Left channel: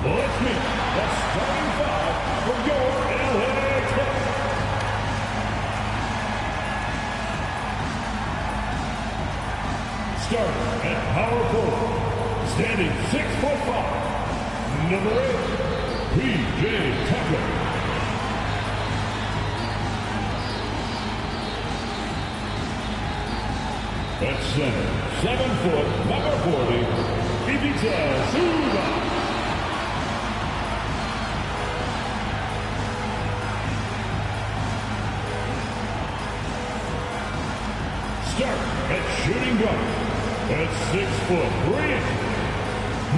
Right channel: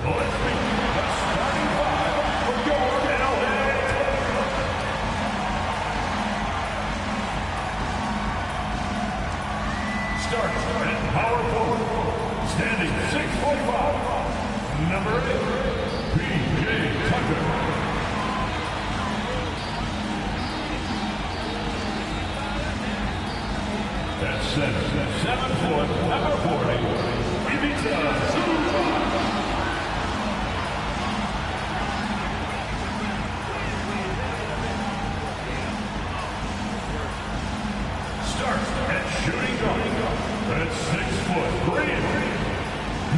Let's meet the starting five for your LA Clippers. Starting at power forward, standing 6'5", number 8, P.J. Tucker. At center, 7 foot, number 40, Ivica Zubac. Start at shooting guard. At 6 foot, 3 inches,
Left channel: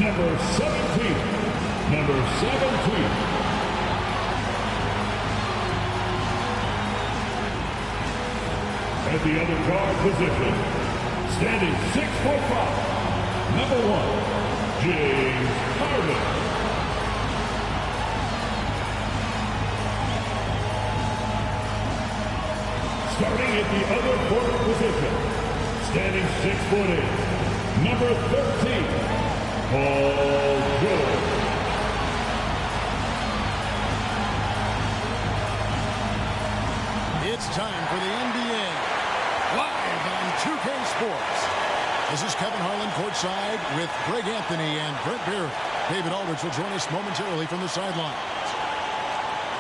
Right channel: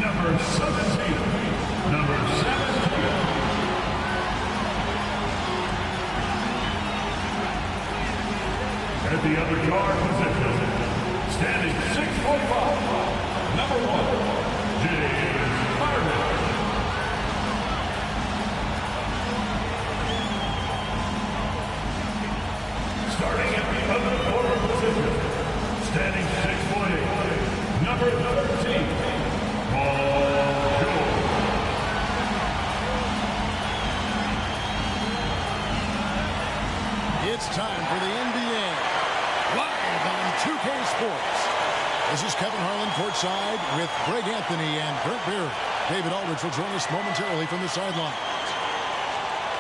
number 17. Number 17. At the other guard position, standing 6'5", number 1, James Harden. Starting at the other forward position, standing 6'8", number 13, Paul George. It's time for the NBA, live on 2K Sports. This is Kevin Harlan courtside with Greg Anthony and Brent Barry. David Aldridge will join us momentarily from the sidelines.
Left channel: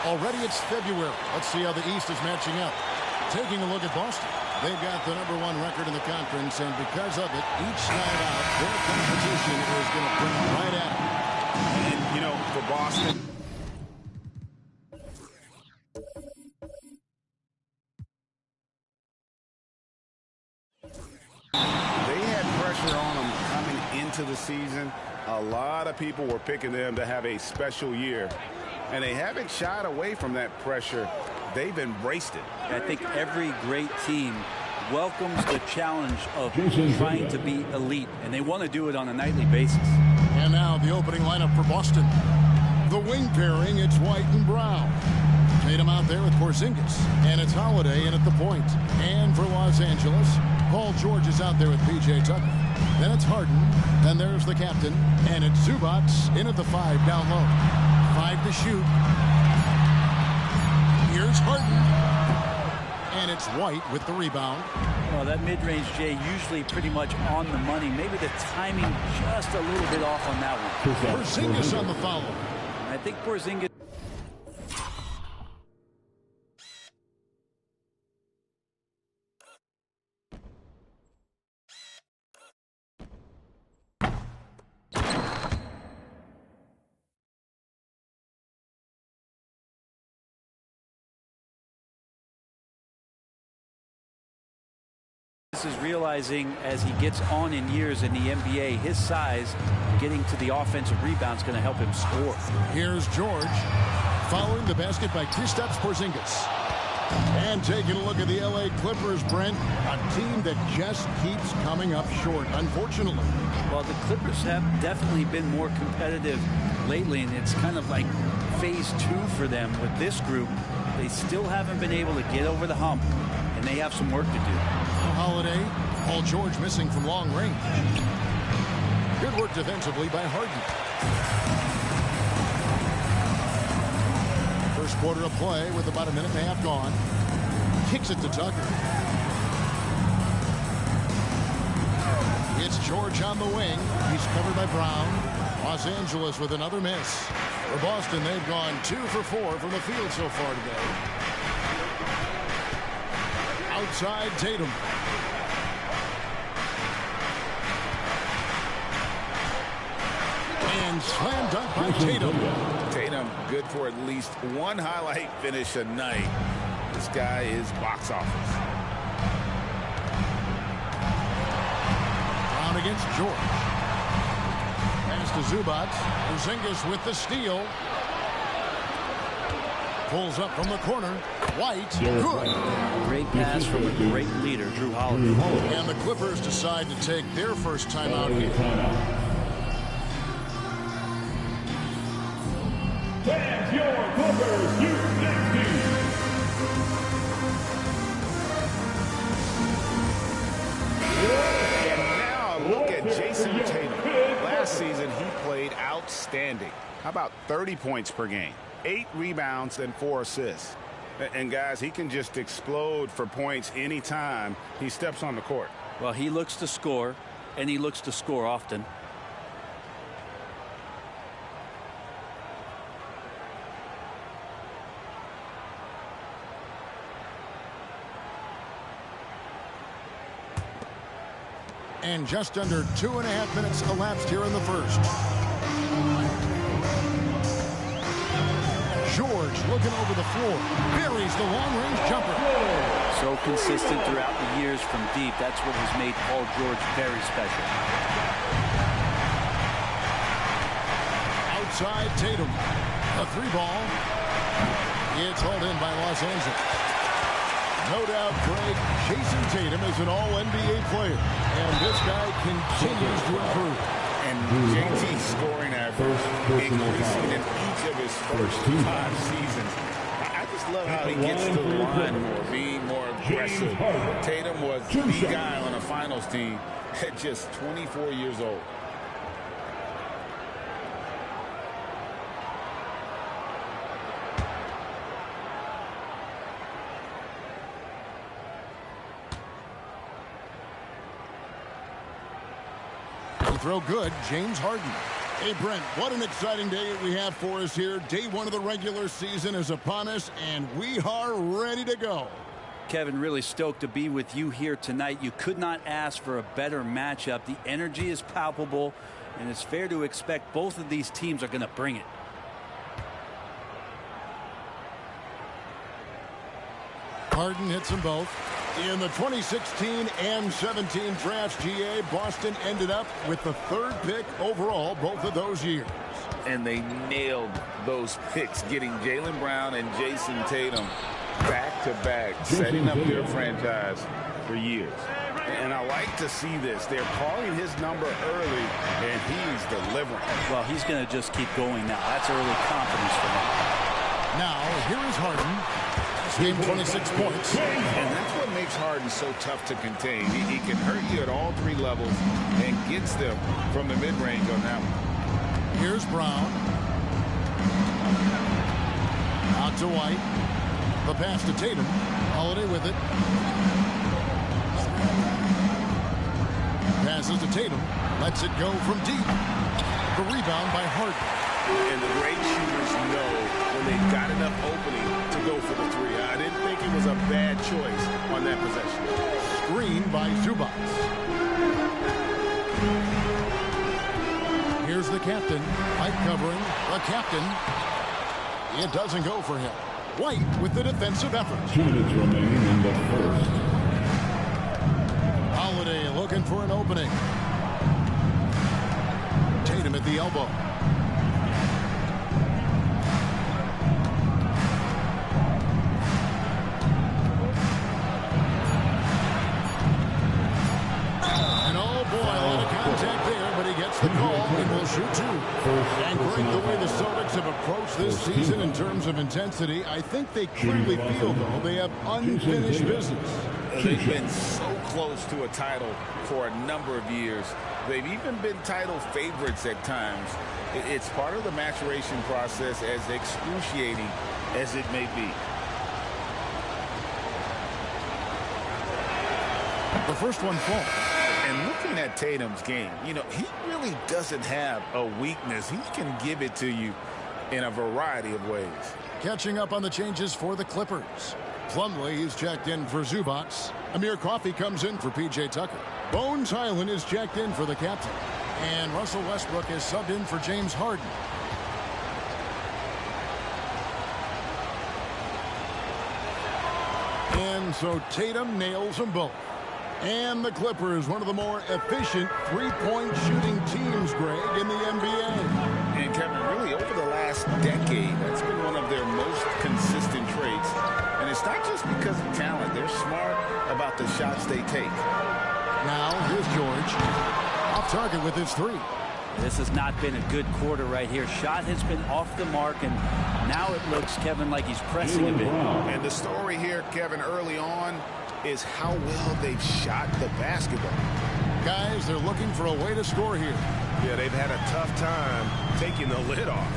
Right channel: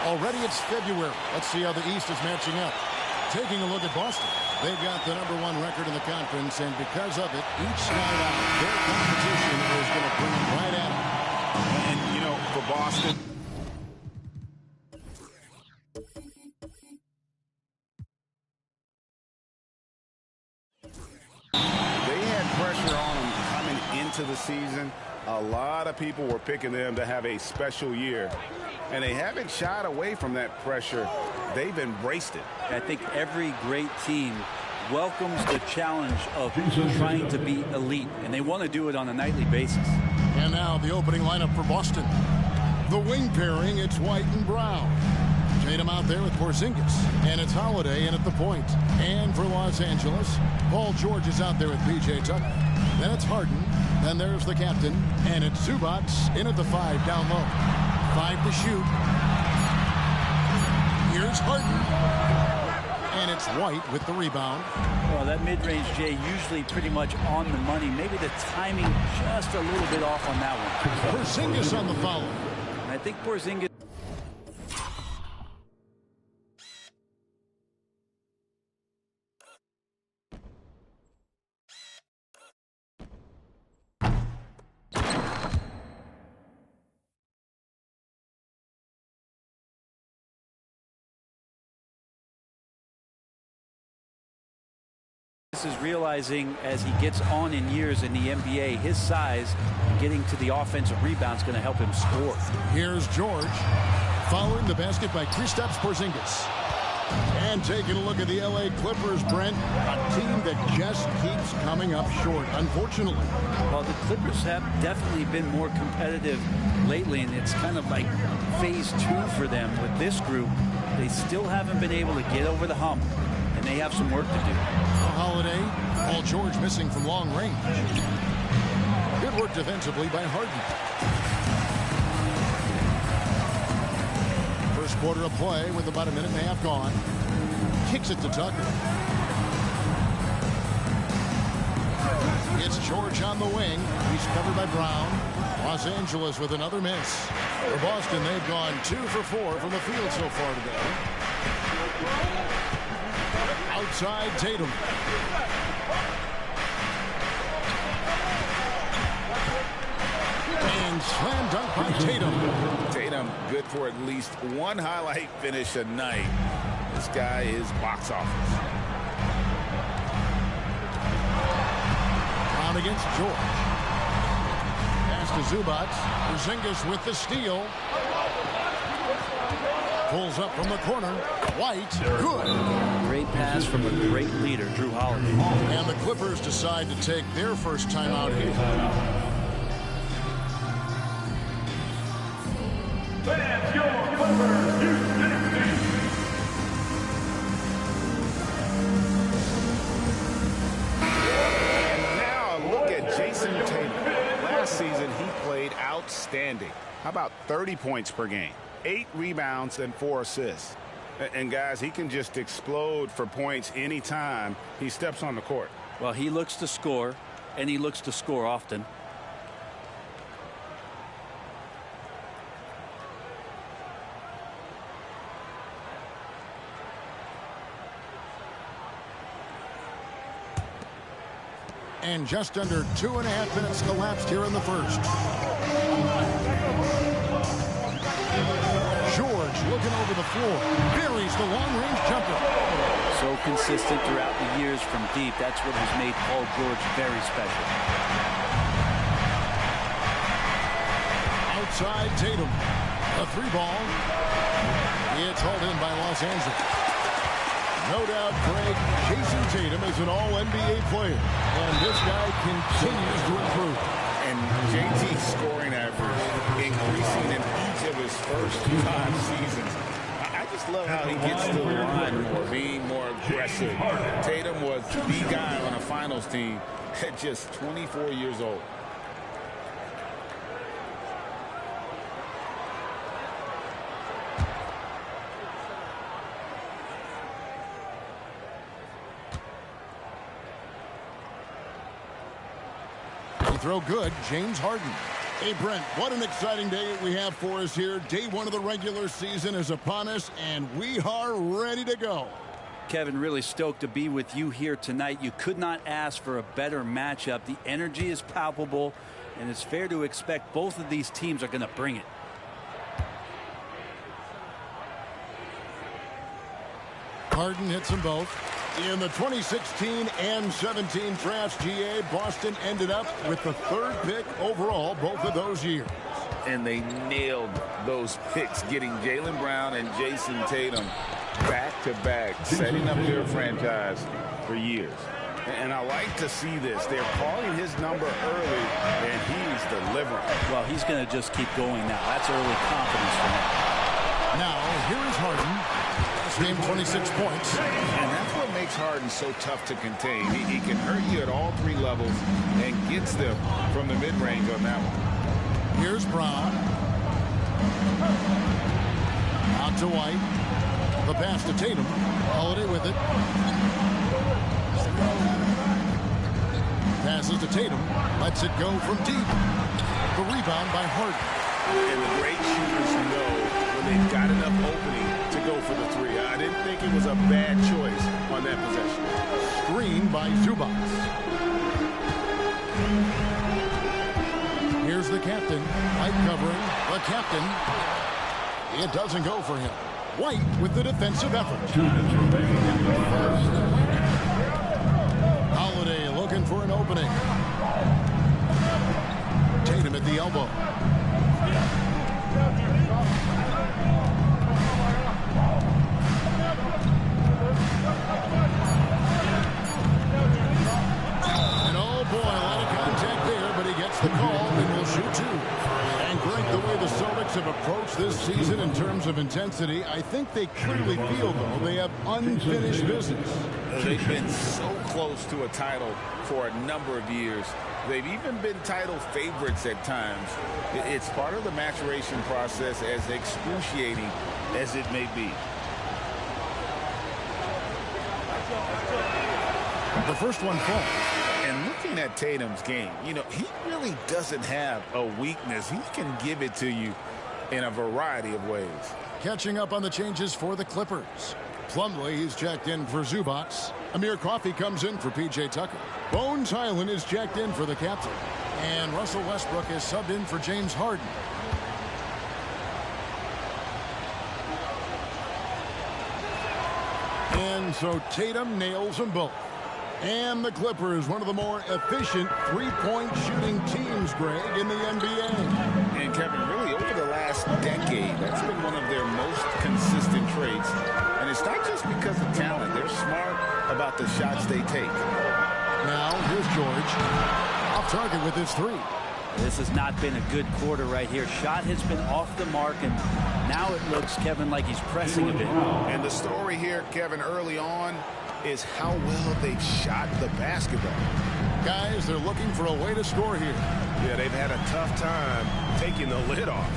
Already it's February. Let's see how the East is matching up. Taking a look at Boston. They've got the number 1 record in the conference, and because of it, each night out, their competition is going to bring it right at them. And, you know, for Boston, they had pressure on them coming into the season. A lot of people were picking them to have a special year, and they haven't shied away from that pressure. They've embraced it. I think every great team welcomes the challenge of trying to be elite, and they want to do it on a nightly basis. And now the opening lineup for Boston. The wing pairing, it's White and Brown. Tatum out there with Porzingis, and it's Holiday in at the point. And for Los Angeles, Paul George is out there with P.J. Tucker. Then it's Harden. Then there's the captain. And it's Zubac in at the 5 down low. 5 to shoot. Here's Harden. And it's White with the rebound. Well, that mid-range, Jay, usually pretty much on the money. Maybe the timing just a little bit off on that one. Porzingis on the follow. And I think Porzingis... is realizing as he gets on in years in the NBA, his size getting to the offensive rebound is going to help him score. Here's George following the basket by Kristaps Porzingis. And taking a look at the LA Clippers, Brent, a team that just keeps coming up short, unfortunately. Well, the Clippers have definitely been more competitive lately, and it's kind of like phase 2 for them with this group. They still haven't been able to get over the hump, and they have some work to do. Holiday, Paul George missing from long range. Good work defensively by Harden. First quarter of play with about a minute and a half gone. Kicks it to Tucker. It's George on the wing. He's covered by Brown. Los Angeles with another miss. For Boston, they've gone 2 for 4 from the field so far today. Outside Tatum. And slam dunk by Tatum. Tatum good for at least one highlight finish a night. This guy is box office. Brown against George. Pass to Zubac. Porzingis with the steal. Pulls up from the corner. White, good. Great pass from a great leader, Jrue Holiday. And the Clippers decide to take their first time out here. Fans, your Clippers, U60. And now a look at Jason Tatum. Last season, he played outstanding. How about 30 points per game, 8 rebounds, and 4 assists? And, guys, he can just explode for points anytime he steps on the court. Well, he looks to score, and he looks to score often. And just under 2.5 minutes elapsed here in the first. George looking over the floor. Buries the long-range jumper. So consistent throughout the years from deep. That's what has made Paul George very special. Outside Tatum. A 3-ball. It's hauled in by Los Angeles. No doubt, Greg, Jason Tatum is an all-NBA player. And this guy continues to improve. And JT's scoring average increasing in each of his first 5 seasons. I just love how he gets to the line more, being more aggressive. Tatum was the guy on a finals team at just 24 years old. Throw good, James Harden. Hey, Brent, what an exciting day we have for us here. Day 1 of the regular season is upon us, and we are ready to go. Kevin, really stoked to be with you here tonight. You could not ask for a better matchup. The energy is palpable, and it's fair to expect both of these teams are going to bring it. Harden hits them both. In the 2016 and 17 drafts, GA, Boston ended up with the 3rd pick overall both of those years. And they nailed those picks, getting Jaylen Brown and Jason Tatum back-to-back, setting up their franchise for years. And I like to see this. They're calling his number early, and he's delivering. Well, he's going to just keep going now. That's early confidence for him. Now, here is Harden. Last game, 26 points. And that's what makes Harden so tough to contain. He can hurt you at all 3 levels and gets them from the mid-range on that one. Here's Brown. Out to White. The pass to Tatum. Holiday with it. Passes to Tatum. Lets it go from deep. The rebound by Harden. And the great shooters know when they've got enough opening to go for the 3. I didn't think it was a bad choice on that possession. Screen by Zubac. Here's the captain. White covering. The captain. It doesn't go for him. White with the defensive effort. 2 minutes remaining in the first. Holiday looking for an opening. Tatum at the elbow. Contact there, but he gets the call and will shoot 2. And Greg, the way the Celtics have approached this season in terms of intensity, I think they clearly feel, though, they have unfinished business. They've been so close to a title for a number of years. They've even been title favorites at times. It's part of the maturation process, as excruciating as it may be. The first one falls. And looking at Tatum's game, you know, he really doesn't have a weakness. He can give it to you in a variety of ways. Catching up on the changes for the Clippers. Plumlee is checked in for Zubac. Amir Coffey comes in for P.J. Tucker. Bones Hyland is checked in for the captain. And Russell Westbrook is subbed in for James Harden. And so Tatum nails them both. And the Clippers, one of the more efficient three-point shooting teams, Greg, in the NBA. And Kevin, really over the last decade, that's been one of their most consistent traits. And it's not just because of talent. They're smart about the shots they take. Now, here's George. Off target with his 3. This has not been a good quarter right here. Shot has been off the mark, and now it looks, Kevin, like he's pressing a bit. And the story here, Kevin, early on, is how well they've shot the basketball. Guys, they're looking for a way to score here. Yeah, they've had a tough time taking the lid off.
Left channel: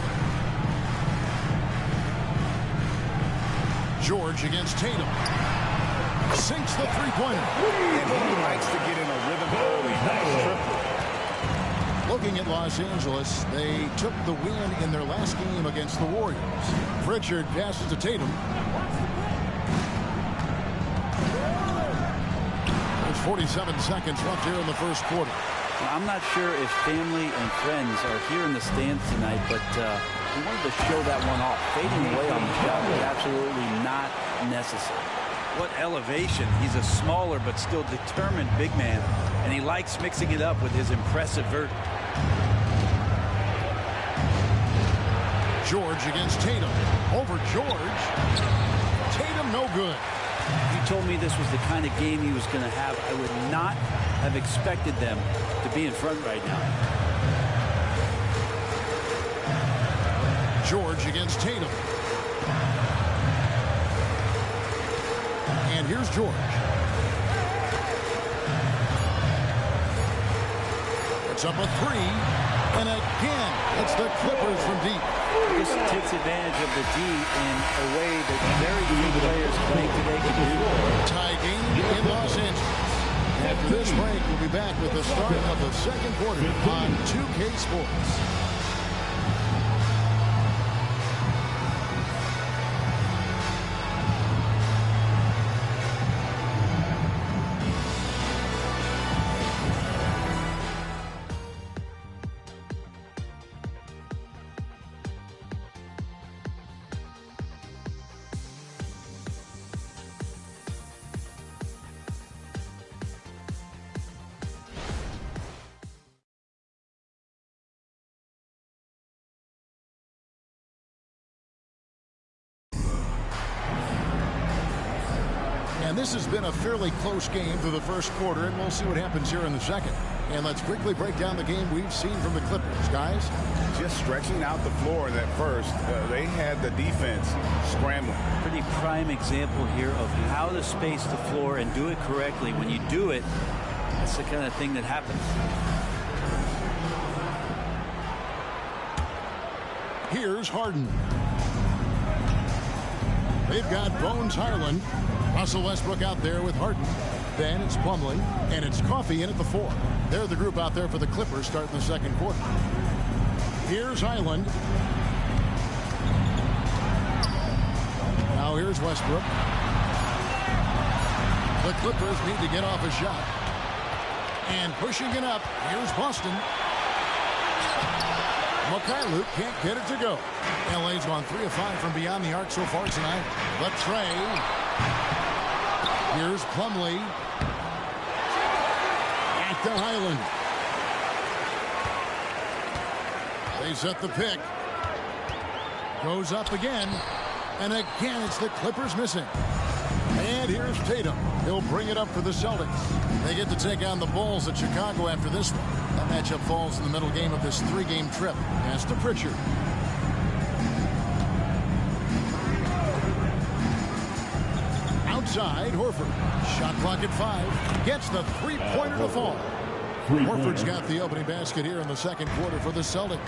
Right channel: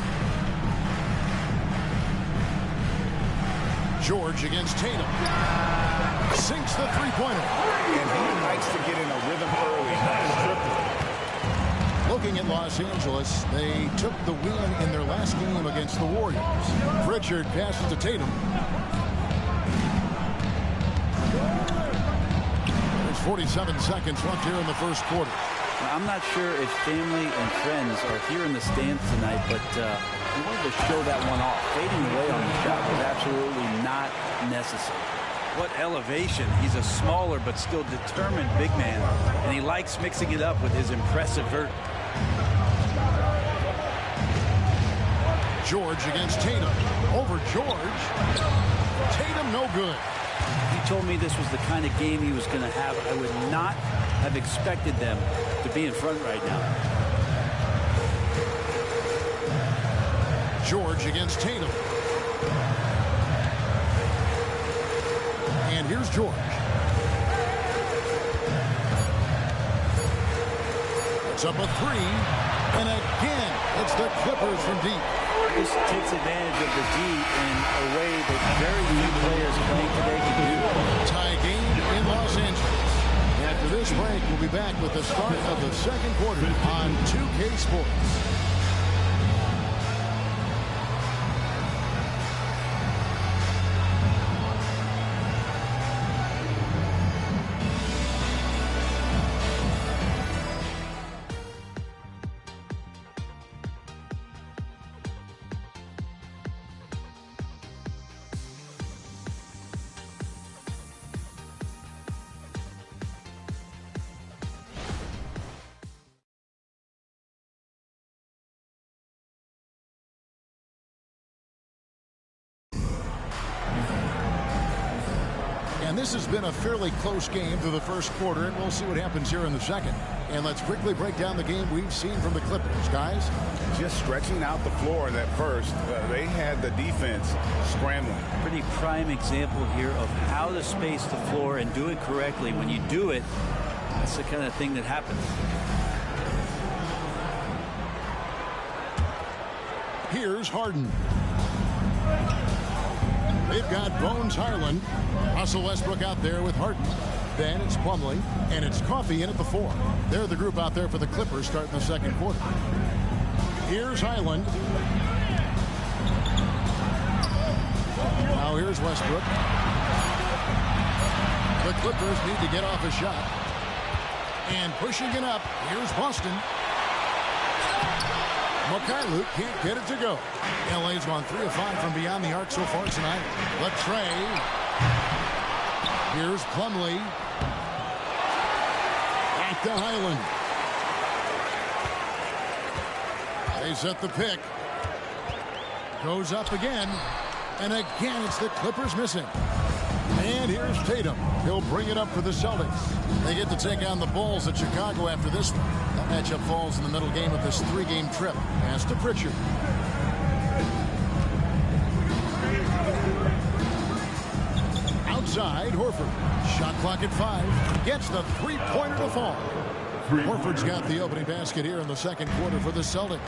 George against Tatum. Sinks the three-pointer. And he likes to get in a rhythm early. Nice triple. Looking at Los Angeles, they took the win in their last game against the Warriors. Pritchard passes to Tatum. There's 47 seconds left here in the first quarter. I'm not sure if family and friends are here in the stands tonight, but he wanted to show that one off. Fading away on the shot was absolutely not necessary. What elevation. He's a smaller but still determined big man, and he likes mixing it up with his impressive vert. George against Tatum. Over George. Tatum no good. If you told me this was the kind of game he was going to have, I would not have expected them to be in front right now. George against Tatum. And here's George. Puts up a three. And again, it's the Clippers from deep. This takes advantage of the D in a way that very few players playing today can do. Tie game in Los Angeles. After this break, we'll be back with the start of the second quarter on 2K Sports. And this has been a fairly close game through the first quarter, and we'll see what happens here in the second. And let's quickly break down the game we've seen from the Clippers, guys. Just stretching out the floor in that first. They had the defense scrambling. Pretty prime example here of how to space the floor and do it correctly. When you do it, that's the kind of thing that happens. Here's Harden. They've got Bones Highland. Russell Westbrook out there with Harden. Then it's Plumlee, and it's Coffey in at the 4. They're the group out there for the Clippers starting the second quarter. Here's Highland. Now here's Westbrook. The Clippers need to get off a shot. And pushing it up, here's Boston. Mykhailiuk can't get it to go. LA's gone 3 of 5 from beyond the arc so far tonight. The tray. Here's Plumlee. Back to Highland. They set the pick. Goes up again. And again, it's the Clippers missing. And here's Tatum. He'll bring it up for the Celtics. They get to take on the Bulls at Chicago after this one. That matchup falls in the middle game of this 3-game trip. Pass to Pritchard. Outside, Horford. Shot clock at 5. Gets the three-pointer to fall. Horford's got the opening basket here in the second quarter for the Celtics.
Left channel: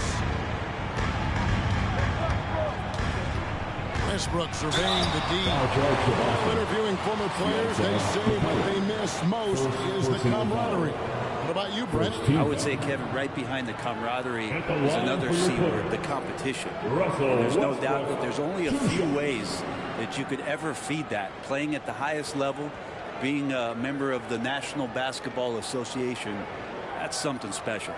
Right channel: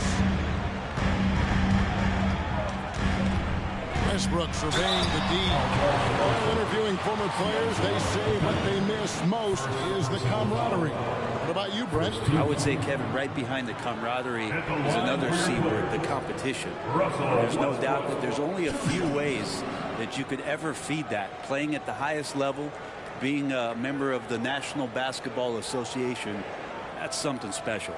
Westbrook surveying the D. While interviewing former players, they say what they miss most is the camaraderie. What about you, Brent? I would say, Kevin, right behind the camaraderie is another C word, the competition. And there's no doubt that there's only a few ways that you could ever feed that. Playing at the highest level, being a member of the National Basketball Association, that's something special.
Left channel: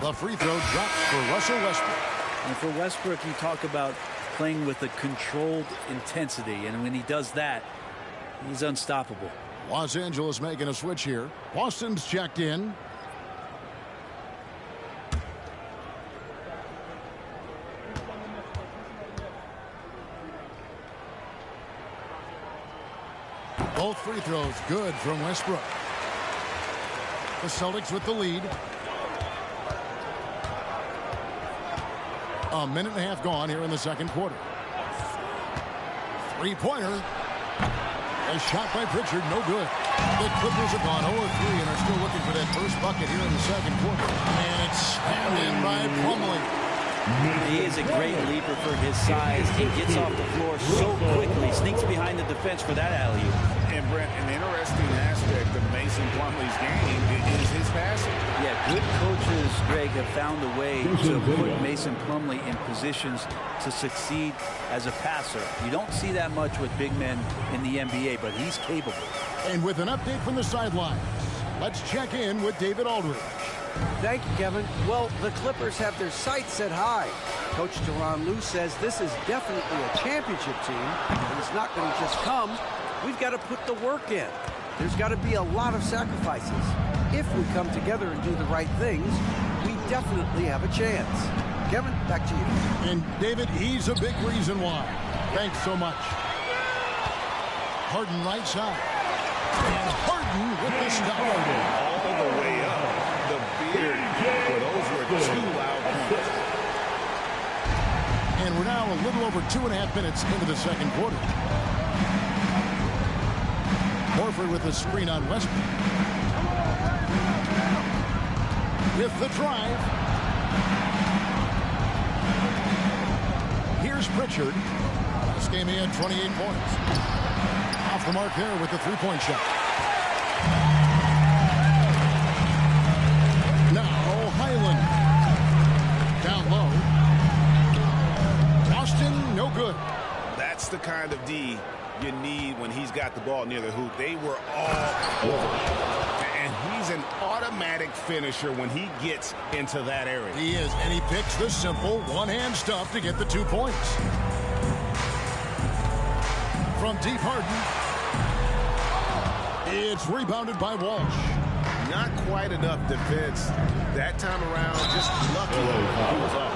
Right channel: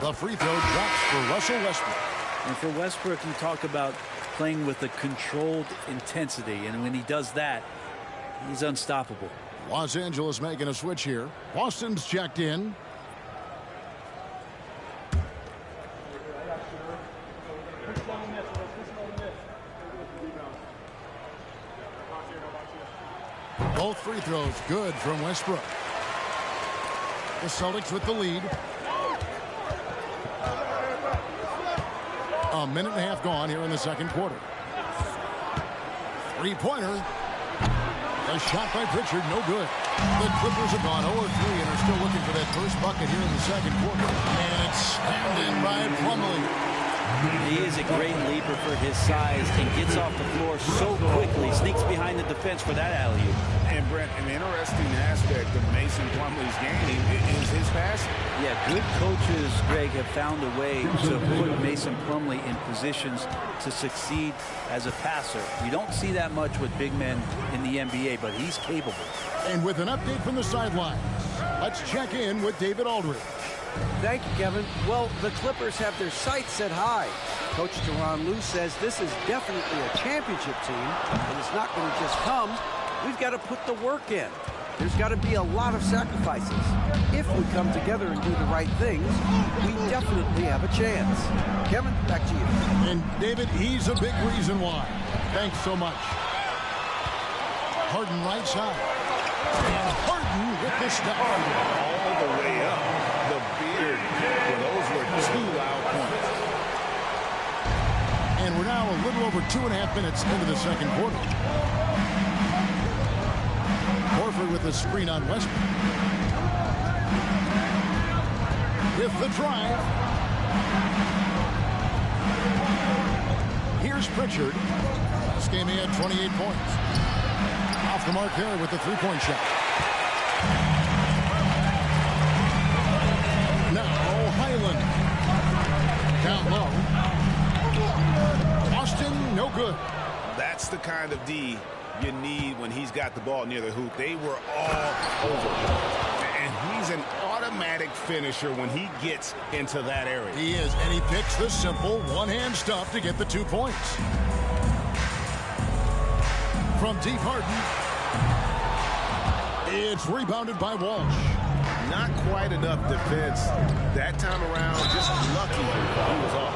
The free throw drops for Russell Westbrook. And for Westbrook, you talk about playing with a controlled intensity, and when he does that, he's unstoppable. Los Angeles making a switch here. Boston's checked in. Both free throws good from Westbrook. The Celtics with the lead. A minute and a half gone here in the second quarter. Three-pointer. A shot by Pritchard, no good. The Clippers have gone 0-3 and are still looking for that first bucket here in the second quarter. And it's slammed in by Plumlee. He is a great leaper for his size and gets off the floor so quickly, sneaks behind the defense for that alley-oop. And Brent, an interesting aspect of Mason Plumlee's game is his passing. Yeah, good coaches, Greg, have found a way to put Mason Plumlee in positions to succeed as a passer. You don't see that much with big men in the NBA, but he's capable. And with an update from the sidelines, let's check in with David Aldridge. Thank you, Kevin. Well, the Clippers have their sights set high. Coach Tyronn Lue says this is definitely a championship team, but it's not going to just come. We've got to put the work in. There's got to be a lot of sacrifices. If we come together and do the right things, we definitely have a chance. Kevin, back to you. And David, he's a big reason why. Thanks so much. Harden right side. And Harden with the stop. All the way up. The beard, where those were two loud points. And we're now a little over 2.5 minutes into the second quarter. Horford with the screen on Westbrook. With the drive. Here's Pritchard. Last game he had 28 points. Off the mark there with the three-point shot. Now Highland. Down low. Austin, no good. That's the kind of D you need when he's got the ball near the hoop. They were all over. And he's an automatic finisher when he gets into that area. He is, and he picks the simple one-hand stuff to get the 2 points. From deep, Harden. It's rebounded by Walsh. Not quite enough defense that time around. Just lucky he was off.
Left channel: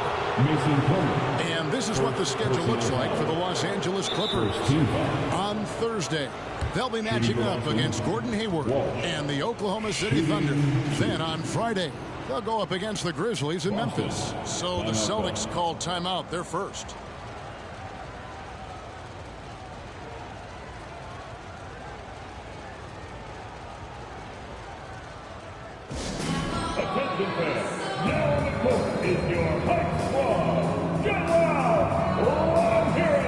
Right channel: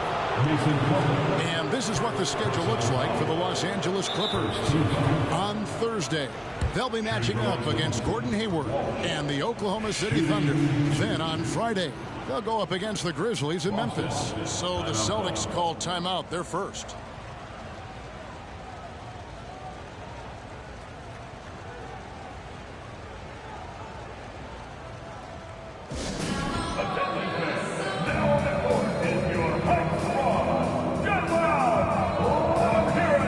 And this is what the schedule looks like for the Los Angeles Clippers. On Thursday, they'll be matching up against Gordon Hayward and the Oklahoma City Thunder. Then on Friday, they'll go up against the Grizzlies in Memphis. So the Celtics called timeout. They're first. Attention fans, now on the court is your hype squad. Get loud! Let's hear it!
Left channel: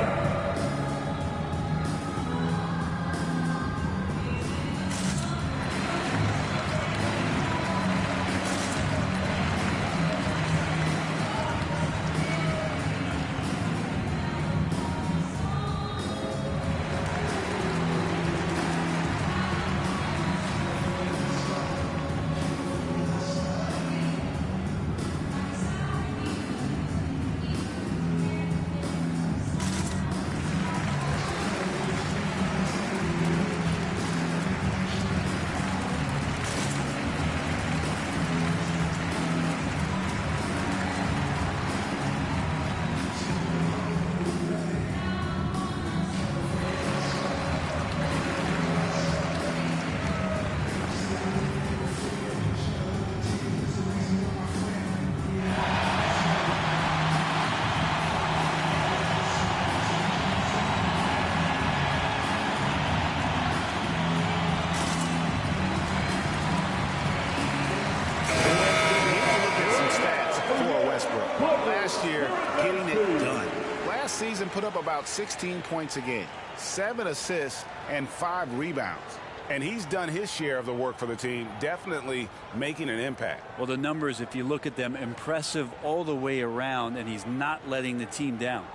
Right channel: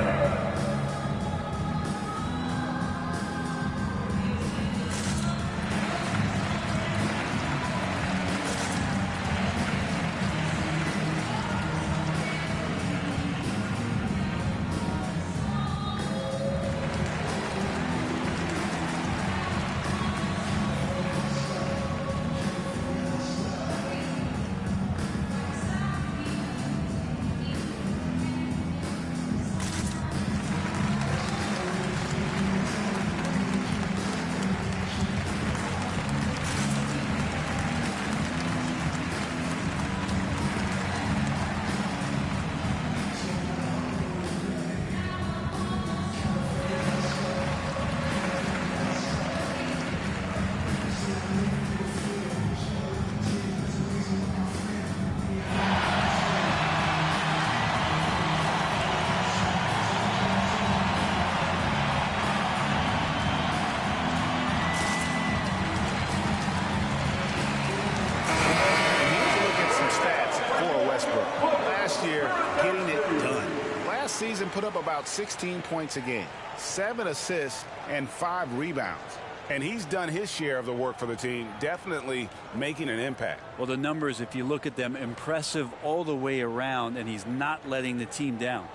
Stats for Westbrook. Last year, getting it done. Last season, put up about 16 points a game, 7 assists, and 5 rebounds. And he's done his share of the work for the team, definitely making an impact. Well, the numbers, if you look at them, impressive all the way around, and he's not letting the team down.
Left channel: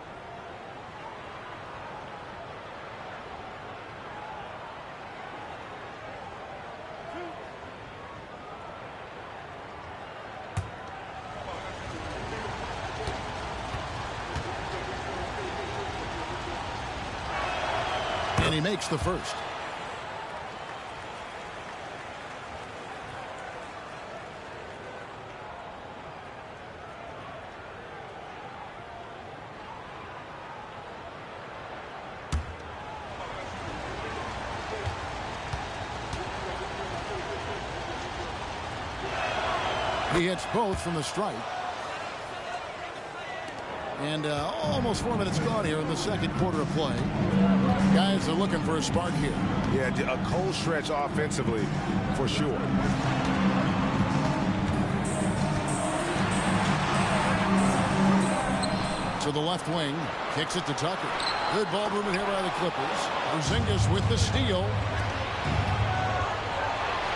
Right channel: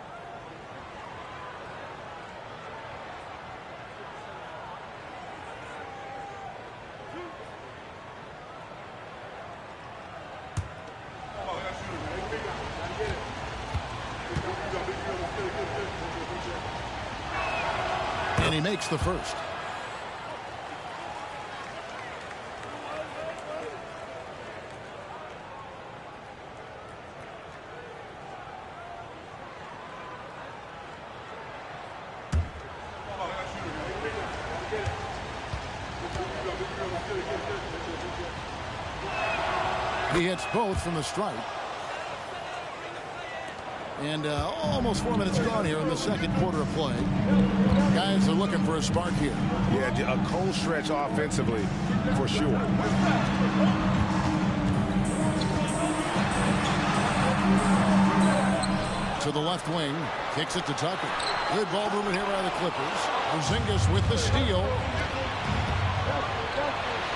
And he makes the first. He hits both from the stripe. And almost 4 minutes gone here in the second quarter of play. Guys are looking for a spark here. Yeah, a cold stretch offensively for sure. To the left wing, kicks it to Tucker. Good ball movement here by the Clippers. Porzingis with the steal.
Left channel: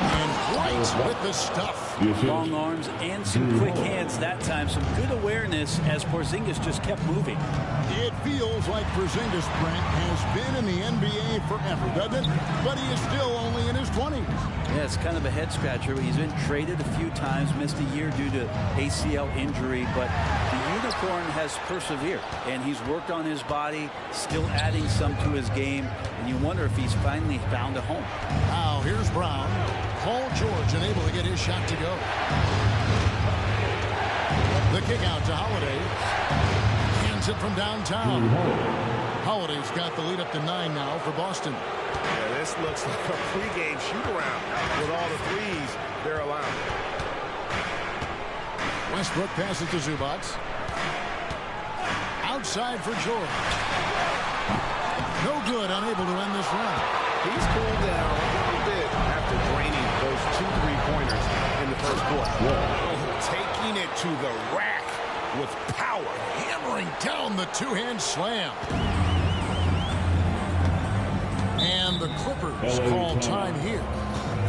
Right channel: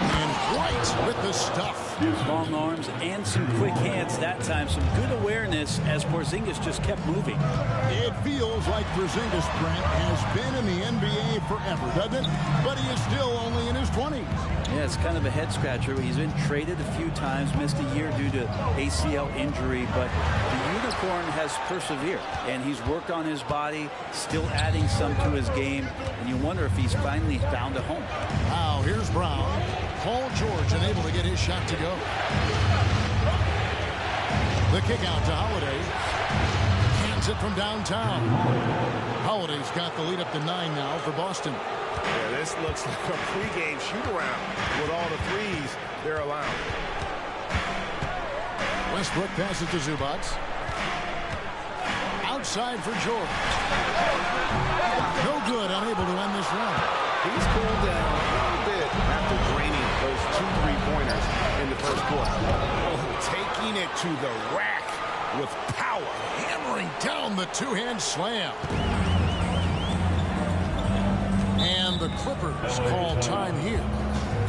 And White with the stuff. Long arms and some quick hands that time. Some good awareness as Porzingis just kept moving. It feels like Porzingis, Brent, has been in the NBA forever, doesn't it? But he is still only in his 20s. Yeah, it's kind of a head scratcher. He's been traded a few times, missed a year due to ACL injury, but the Unicorn has persevered, and he's worked on his body, still adding some to his game, and you wonder if he's finally found a home. Now, here's Brown. Paul George unable to get his shot to go. The kick out to Holiday. Hands it from downtown. Holiday's got the lead up to 9 now for Boston. Yeah, this looks like a pregame shoot-around with all the threes they're allowing. Westbrook passes to Zubac. Outside for George. No good, unable to end this run. He's cooled down a little bit after draining those 2 3-pointers in the first quarter. Oh, taking it to the rack with power. Hammering down the two-hand slam. And the Clippers call time here.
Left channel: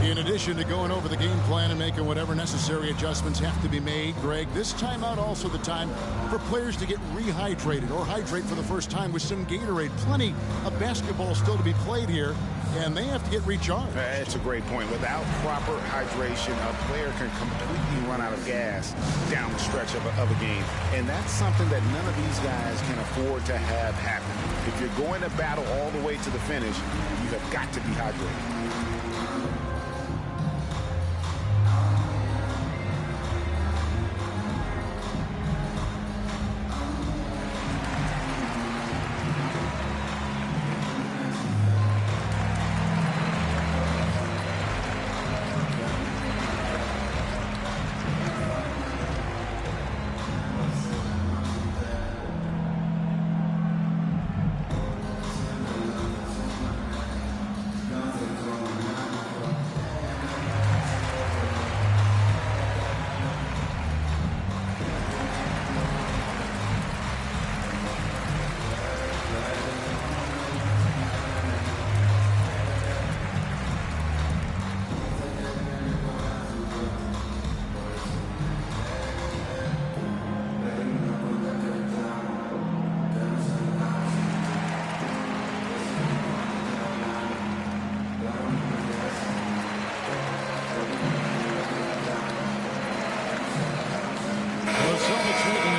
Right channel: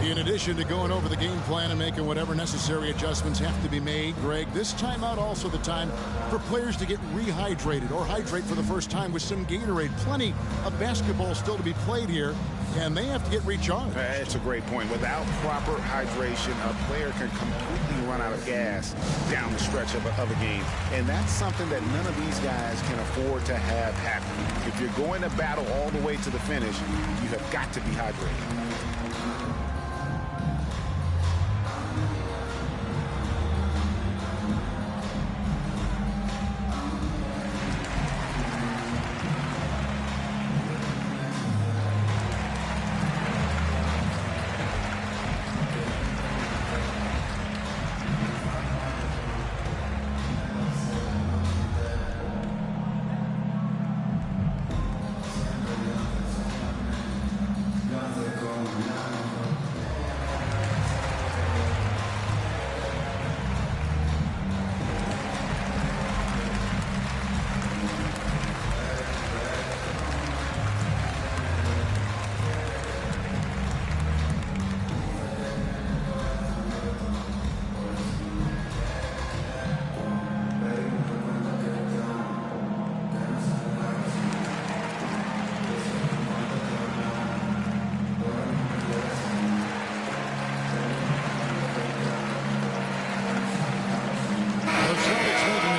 In addition to going over the game plan and making whatever necessary adjustments have to be made, Greg, this timeout also the time for players to get rehydrated or hydrate for the first time with some Gatorade. Plenty of basketball still to be played here, and they have to get recharged. That's a great point. Without proper hydration, a player can completely run out of gas down the stretch of a game. And that's something that none of these guys can afford to have happen. If you're going to battle all the way to the finish, you have got to be hydrated.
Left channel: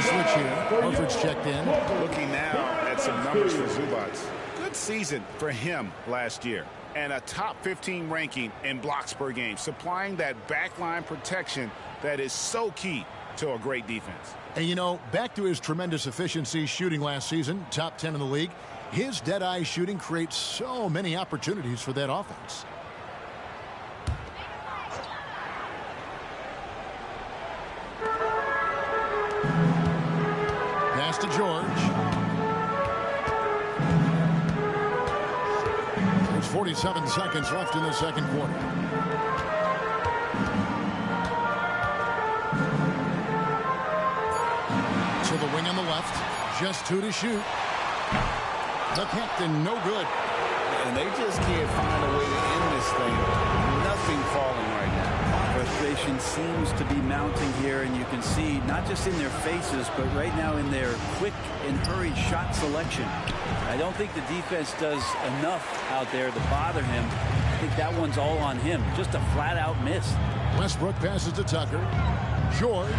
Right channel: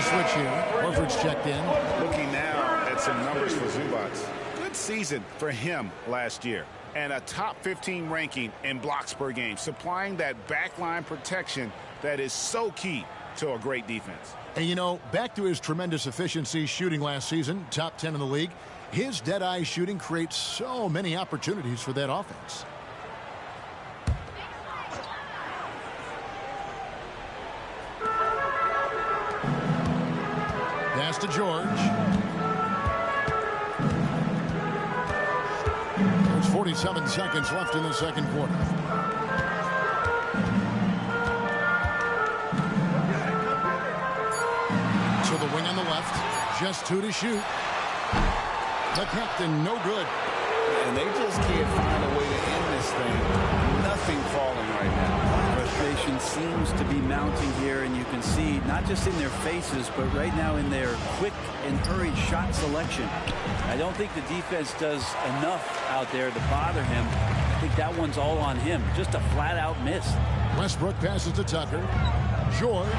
Switch here. Horford's checked in. Looking now at some numbers for Zubac. Good season for him last year. And a top 15 ranking in blocks per game. Supplying that backline protection that is so key to a great defense. And you know, back to his tremendous efficiency shooting last season, top 10 in the league. His dead-eye shooting creates so many opportunities for that offense. Pass to George. There's 47 seconds left in the second quarter. To the wing on the left. Just 2 to shoot. The captain, no good. And they just can't find a way to end this thing. Nothing falling right now. Frustration seems to be mounting here, and you can see not just in their faces, but right now in their quick and hurried shot selection. I don't think the defense does enough out there to bother him. I think that one's all on him. Just a flat-out miss. Westbrook passes to Tucker. George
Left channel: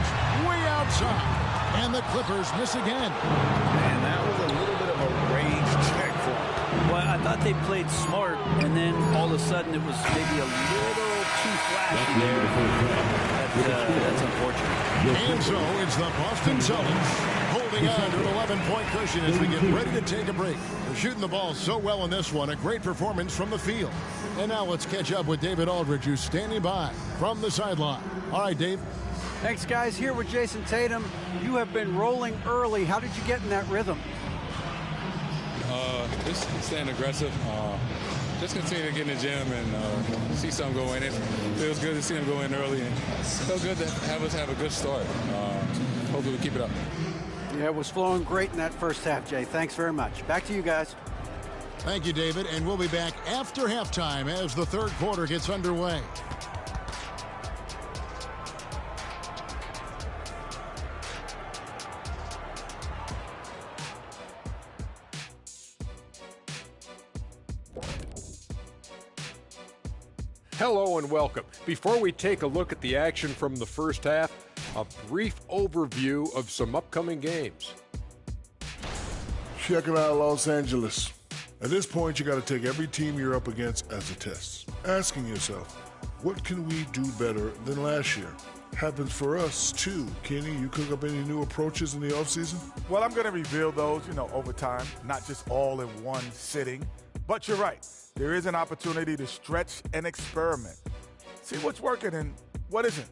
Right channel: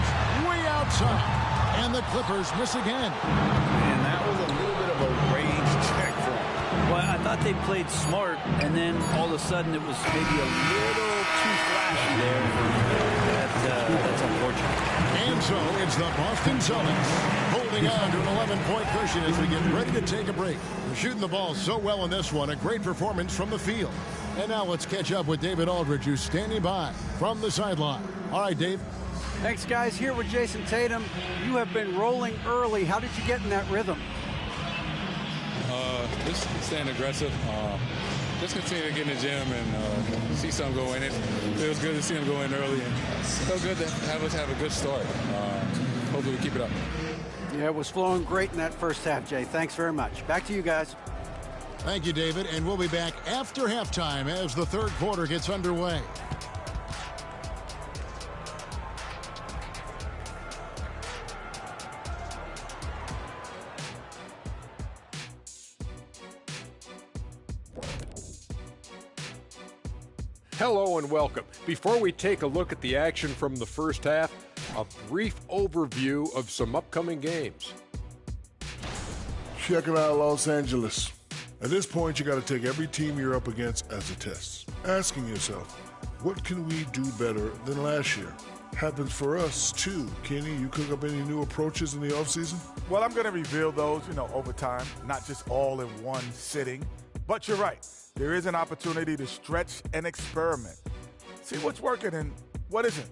way outside. And the Clippers miss again. And that was a little bit of a range check for him. Well, I thought they played smart, and then all of a sudden it was maybe a little too flashy there. That's unfortunate. And so it's the Boston Celtics holding on to an 11-point cushion as we get ready to take a break. They're shooting the ball so well in this one. A great performance from the field. And now let's catch up with David Aldridge, who's standing by from the sideline. All right, Dave. Thanks, guys. Here with Jason Tatum. You have been rolling early. How did you get in that rhythm? Just staying aggressive. Just continue to get in the gym and see something go in. It feels good to see him go in early, and it felt good to have us have a good start. Hopefully we keep it up. Yeah, it was flowing great in that first half, Jay. Thanks very much. Back to you guys. Thank you, David. And we'll be back after halftime as the third quarter gets underway. Hello and welcome. Before we take a look at the action from the first half, a brief overview of some upcoming games. Check it out, Los Angeles. At this point, you got to take every team you're up against as a test. Asking yourself, what can we do better than last year? Happens for us, too. Kenny, you cook up any new approaches in the offseason? Well, I'm going to reveal those, over time, not just all in one sitting. But you're right. There is an opportunity to stretch and experiment. See what's working and what isn't.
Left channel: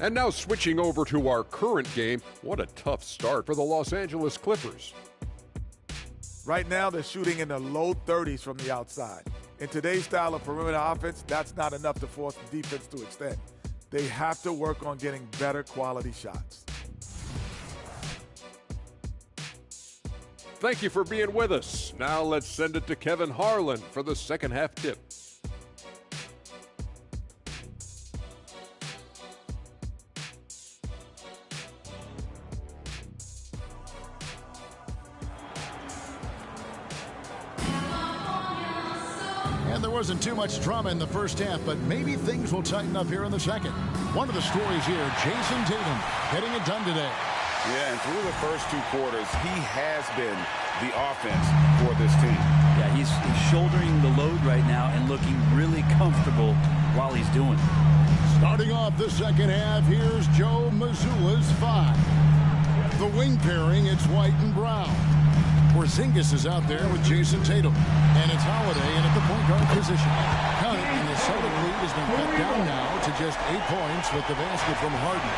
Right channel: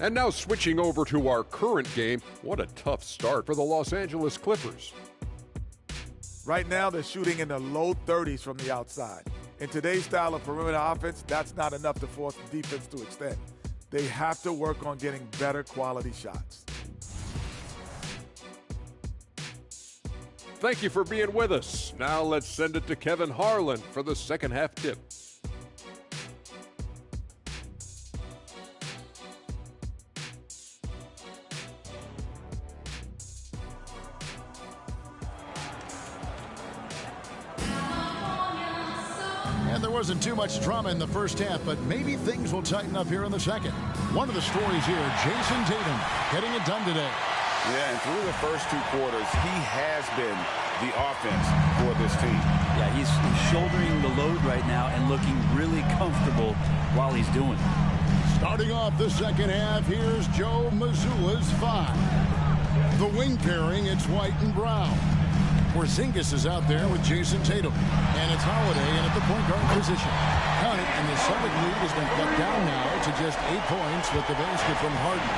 And now switching over to our current game, what a tough start for the Los Angeles Clippers. Right now, they're shooting in the low 30s from the outside. In today's style of perimeter offense, that's not enough to force the defense to extend. They have to work on getting better quality shots. Thank you for being with us. Now let's send it to Kevin Harlan for the second half tip. And there wasn't too much drama in the first half, but maybe things will tighten up here in the second. One of the stories here, Jason Tatum getting it done today. Yeah, and through the first two quarters, he has been the offense for this team. Yeah, he's shouldering the load right now and looking really comfortable while he's doing it. Starting off the second half, here's Joe Mazzulla's 5. The wing pairing, it's White and Brown. Porzingis is out there with Jason Tatum. And it's Holiday in at the point guard position. Count it, and the Celtic lead has been cut down now to just 8 points with the basket from Harden.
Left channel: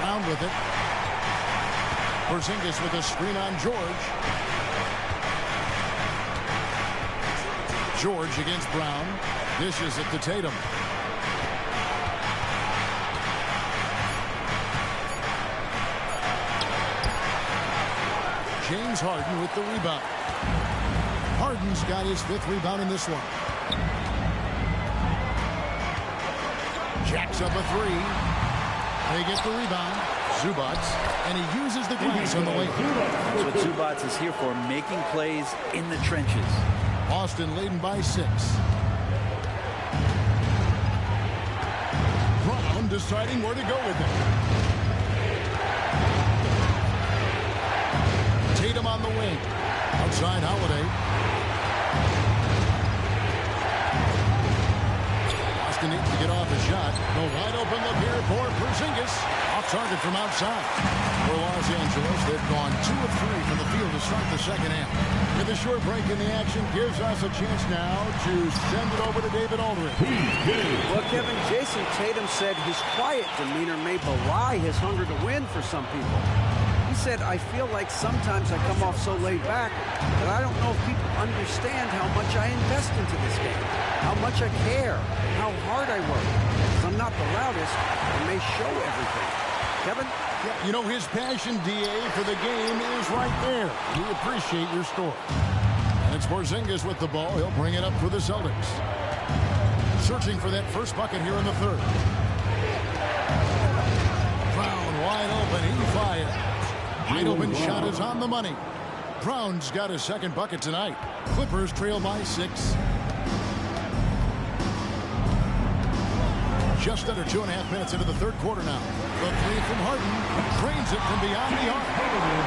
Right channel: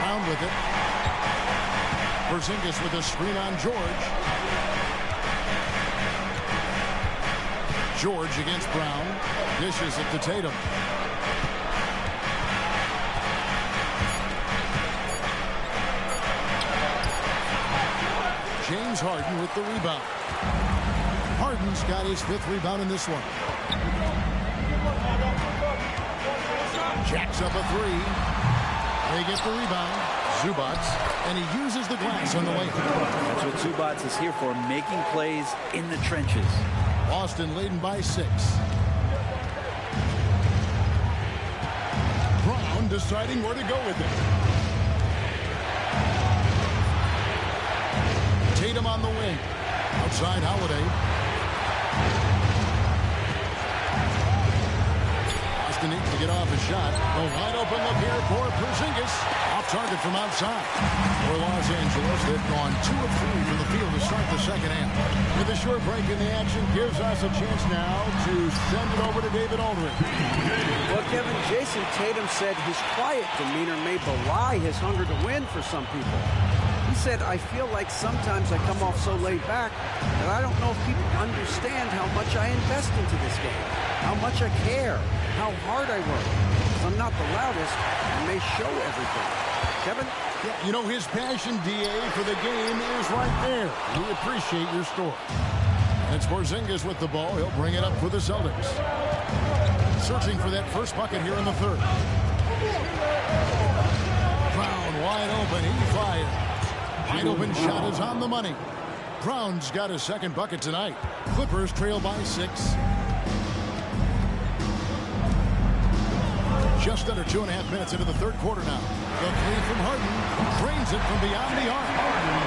Brown with it. Porzingis with a screen on George. George against Brown. Dishes it to Tatum. James Harden with the rebound. Harden's got his 5th rebound in this one. Jacks up a 3. They get the rebound. Zubac, and he uses the glass on the way. That's what Zubac is here for, making plays in the trenches. Boston leading by 6. Brown deciding where to go with it. Tatum on the wing. Outside Holiday. Boston needs to get off a shot. The wide open look here for Porzingis. Off target from outside. For Los Angeles, they've gone 2 of 3 from the field to start the second half. With a short break in the action, gives us a chance now to send it over to David Aldridge. Well, Kevin, Jason Tatum said his quiet demeanor may belie his hunger to win for some people. He said, I feel like sometimes I come off so laid back that I don't know if people understand how much I invest into this game, how much I care, how hard I work. Because I'm not the loudest, I may show everything. Kevin? Yeah, you know, his passion, DA, for the game is right there. We appreciate your story. And it's Porzingis with the ball. He'll bring it up for the Celtics. Searching for that first bucket here in the third. Brown wide open. He fires. Wide open shot is on the money. Brown's got his second bucket tonight. Clippers trail by 6. Just under 2.5 minutes into the third quarter now. The 3 from Harden drains it from beyond the arc.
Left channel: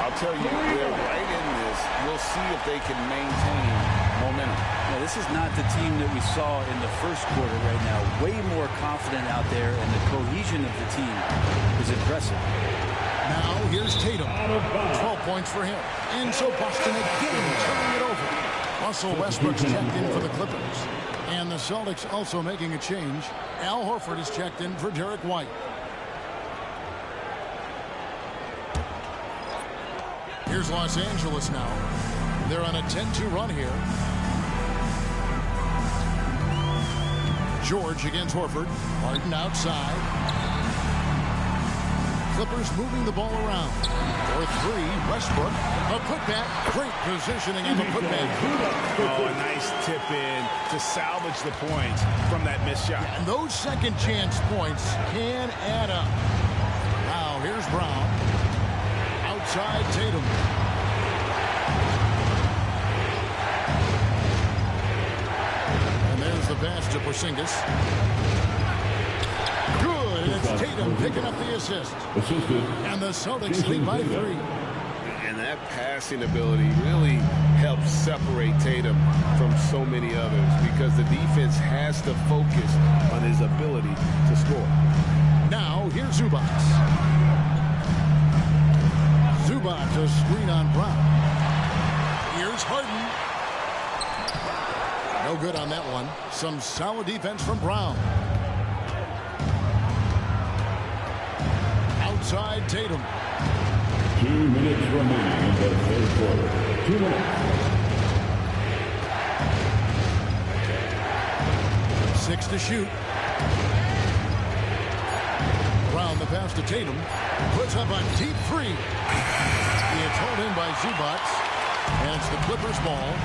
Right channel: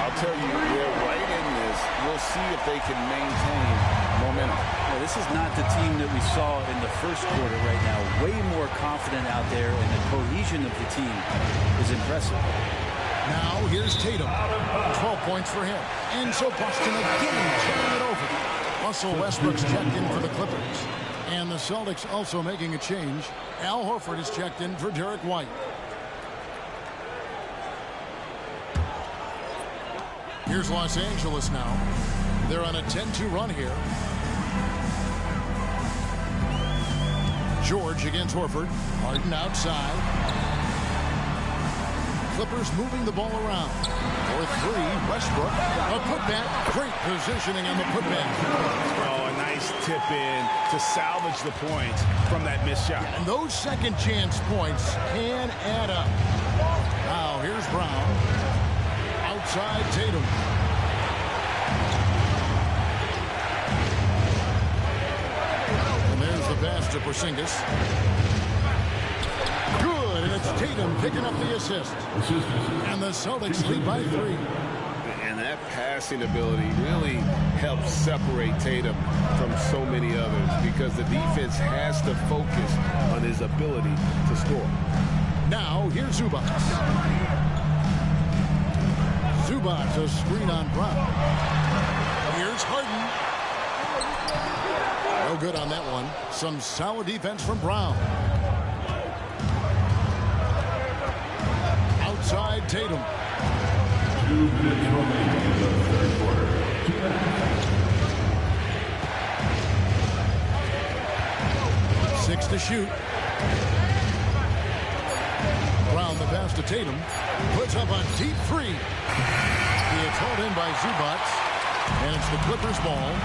I'll tell you, they're right in this. We'll see if they can maintain momentum. Yeah, this is not the team that we saw in the first quarter right now. Way more confident out there, and the cohesion of the team is impressive. Now here's Tatum. 12 points for him. And so Boston again turning it over. Russell Westbrook's checked in for the Clippers. And the Celtics also making a change. Al Horford is checked in for Derek White. Here's Los Angeles now. They're on a 10-2 run here. George against Horford. Harden outside. Clippers moving the ball around. For three, Westbrook. A putback. Great positioning on the putback. Oh, a nice tip in to salvage the points from that missed shot. And those second chance points can add up. Now here's Brown. Outside Tatum. And there's the pass to Porzingis. Good, and it's Tatum picking up the assist. And the Celtics lead by 3. And that passing ability really helps separate Tatum from so many others because the defense has to focus on his ability to score. Now here's Zubac. Zubac, a screen on Brown. Here's Harden. No good on that one. Some solid defense from Brown. Outside Tatum. 2 minutes remaining in the third quarter. 2 minutes. 6 to shoot. Brown the pass to Tatum. Puts up a deep 3. It's hauled in by Zubac. And it's the Clippers ball.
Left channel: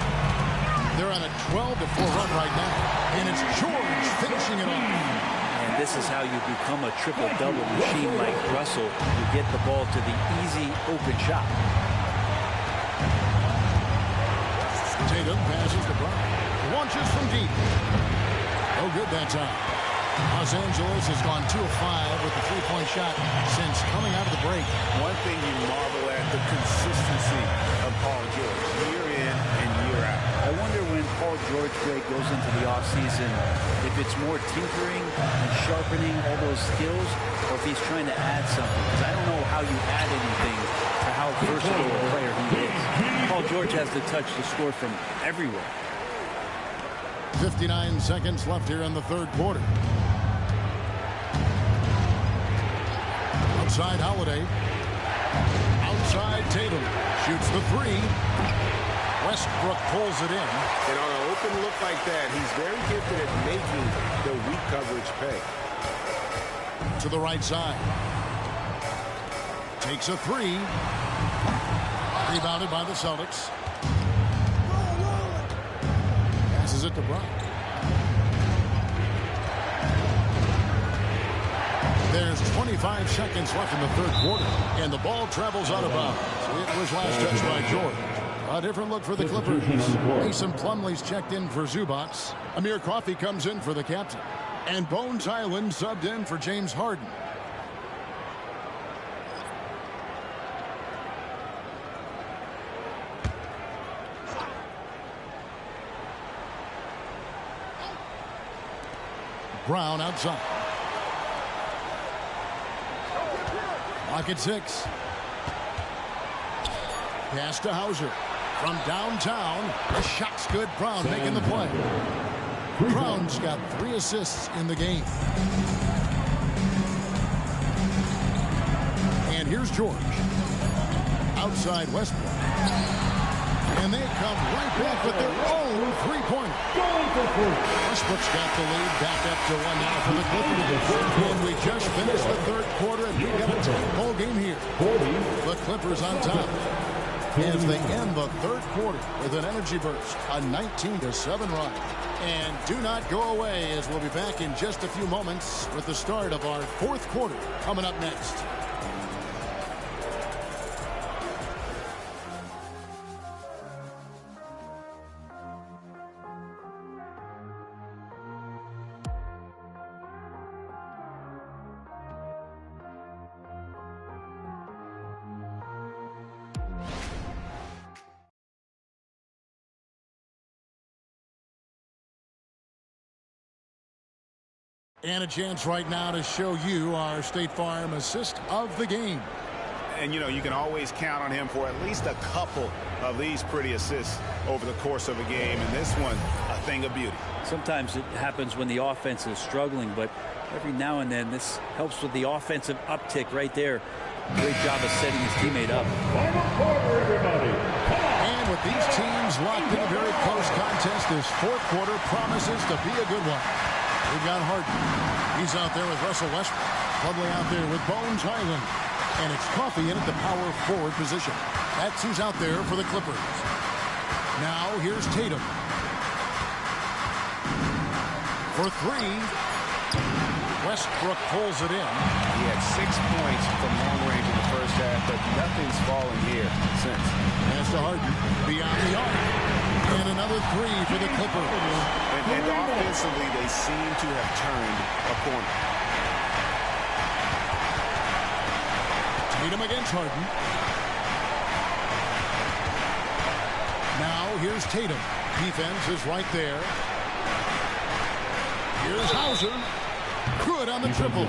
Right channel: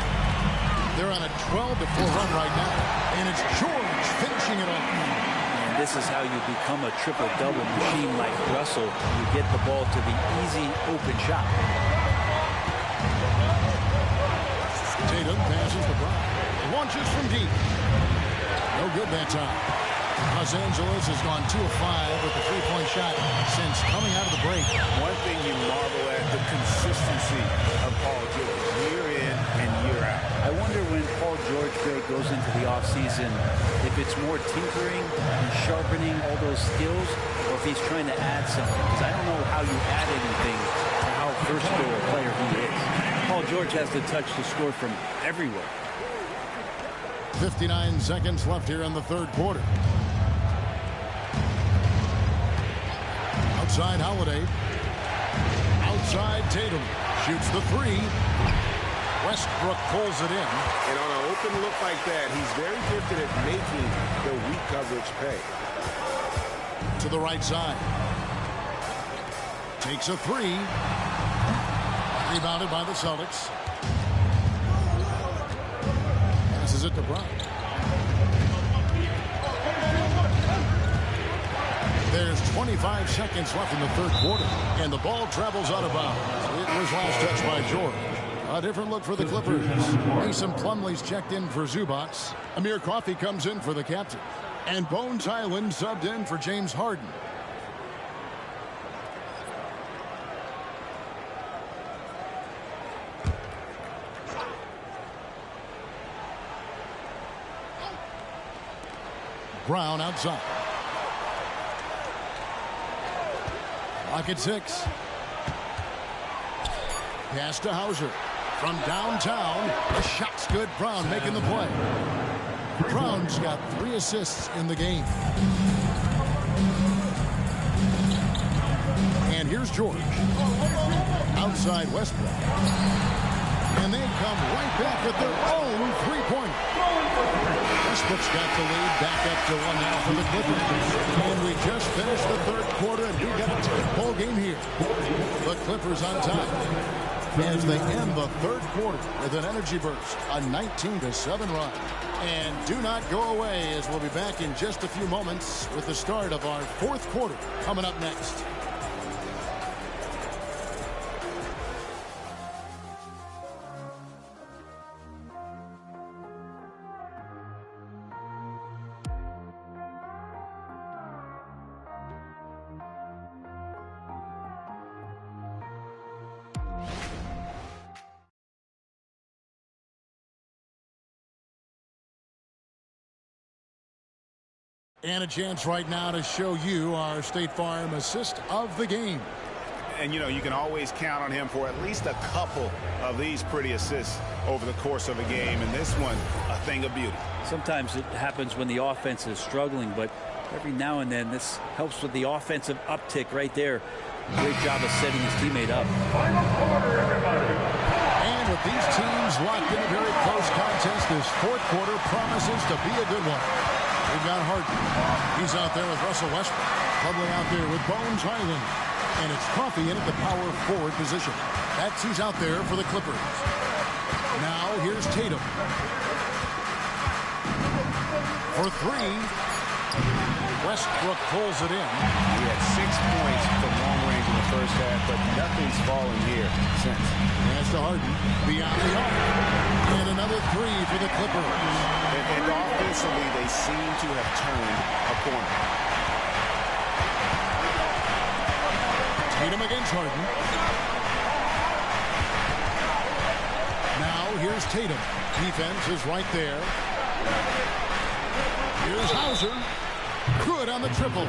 They're on a 12-4 run right now. And it's George finishing it off. And this is how you become a triple-double machine like Russell. You get the ball to the easy open shot. Tatum passes to Brown. Launches from deep. No good that time. Los Angeles has gone 2 of 5 with a 3-point shot since coming out of the break. One thing you marvel at, the consistency of Paul George, year in and year out. I wonder when Paul George, Greg, goes into the offseason, if it's more tinkering and sharpening all those skills, or if he's trying to add something. Because I don't know how you add anything to how versatile a player he is. Paul George has the touch to score from everywhere. 59 seconds left here in the third quarter. Outside Holiday. Outside Tatum. Shoots the 3. Westbrook pulls it in. And on an open look like that, he's very gifted at making the weak coverage pay. To the right side. Takes a 3. Rebounded by the Celtics. Passes it to Brown. There's 25 seconds left in the third quarter, and the ball travels out of bounds. It was last touched by George. A different look for the Clippers. Mason Plumlee's checked in for Zubac. Amir Coffey comes in for the captain. And Bones Hyland subbed in for James Harden. Brown outside. Clock at 6. Pass to Hauser. From downtown, the shot's good. Brown making the play. Brown's got 3 assists in the game. And here's George. Outside Westbrook. And they come right back with their own 3-pointer. Westbrook's got the lead. Back up to 1 now for the Clippers. And we just finished the third quarter, and we've got a tight ball game here. The Clippers on top as they end the third quarter with an energy burst, a 19-7 run. And do not go away, as we'll be back in just a few moments with the start of our fourth quarter coming up next. And a chance right now to show you our State Farm assist of the game. And, you know, you can always count on him for at least a couple of these pretty assists over the course of a game, and this one, a thing of beauty. Sometimes it happens when the offense is struggling, but every now and then this helps with the offensive uptick right there. Great job of setting his teammate up. Final quarter, everybody. And with these teams locked in a very close contest, this fourth quarter promises to be a good one. We've got Harden. He's out there with Russell Westbrook. Plumlee out there with Bones Highland. And it's Coffey in at the power forward position. That's who's out there for the Clippers. Now here's Tatum. For three. Westbrook pulls it in. He had 6 points from long range in the first half, but nothing's fallen here since. Pass to Harden. Beyond the arc. And another three for the Clippers. And offensively, they seem to have turned a corner. Tatum against Harden. Now here's Tatum. Defense is right there. Here's Hauser. Good on the triple.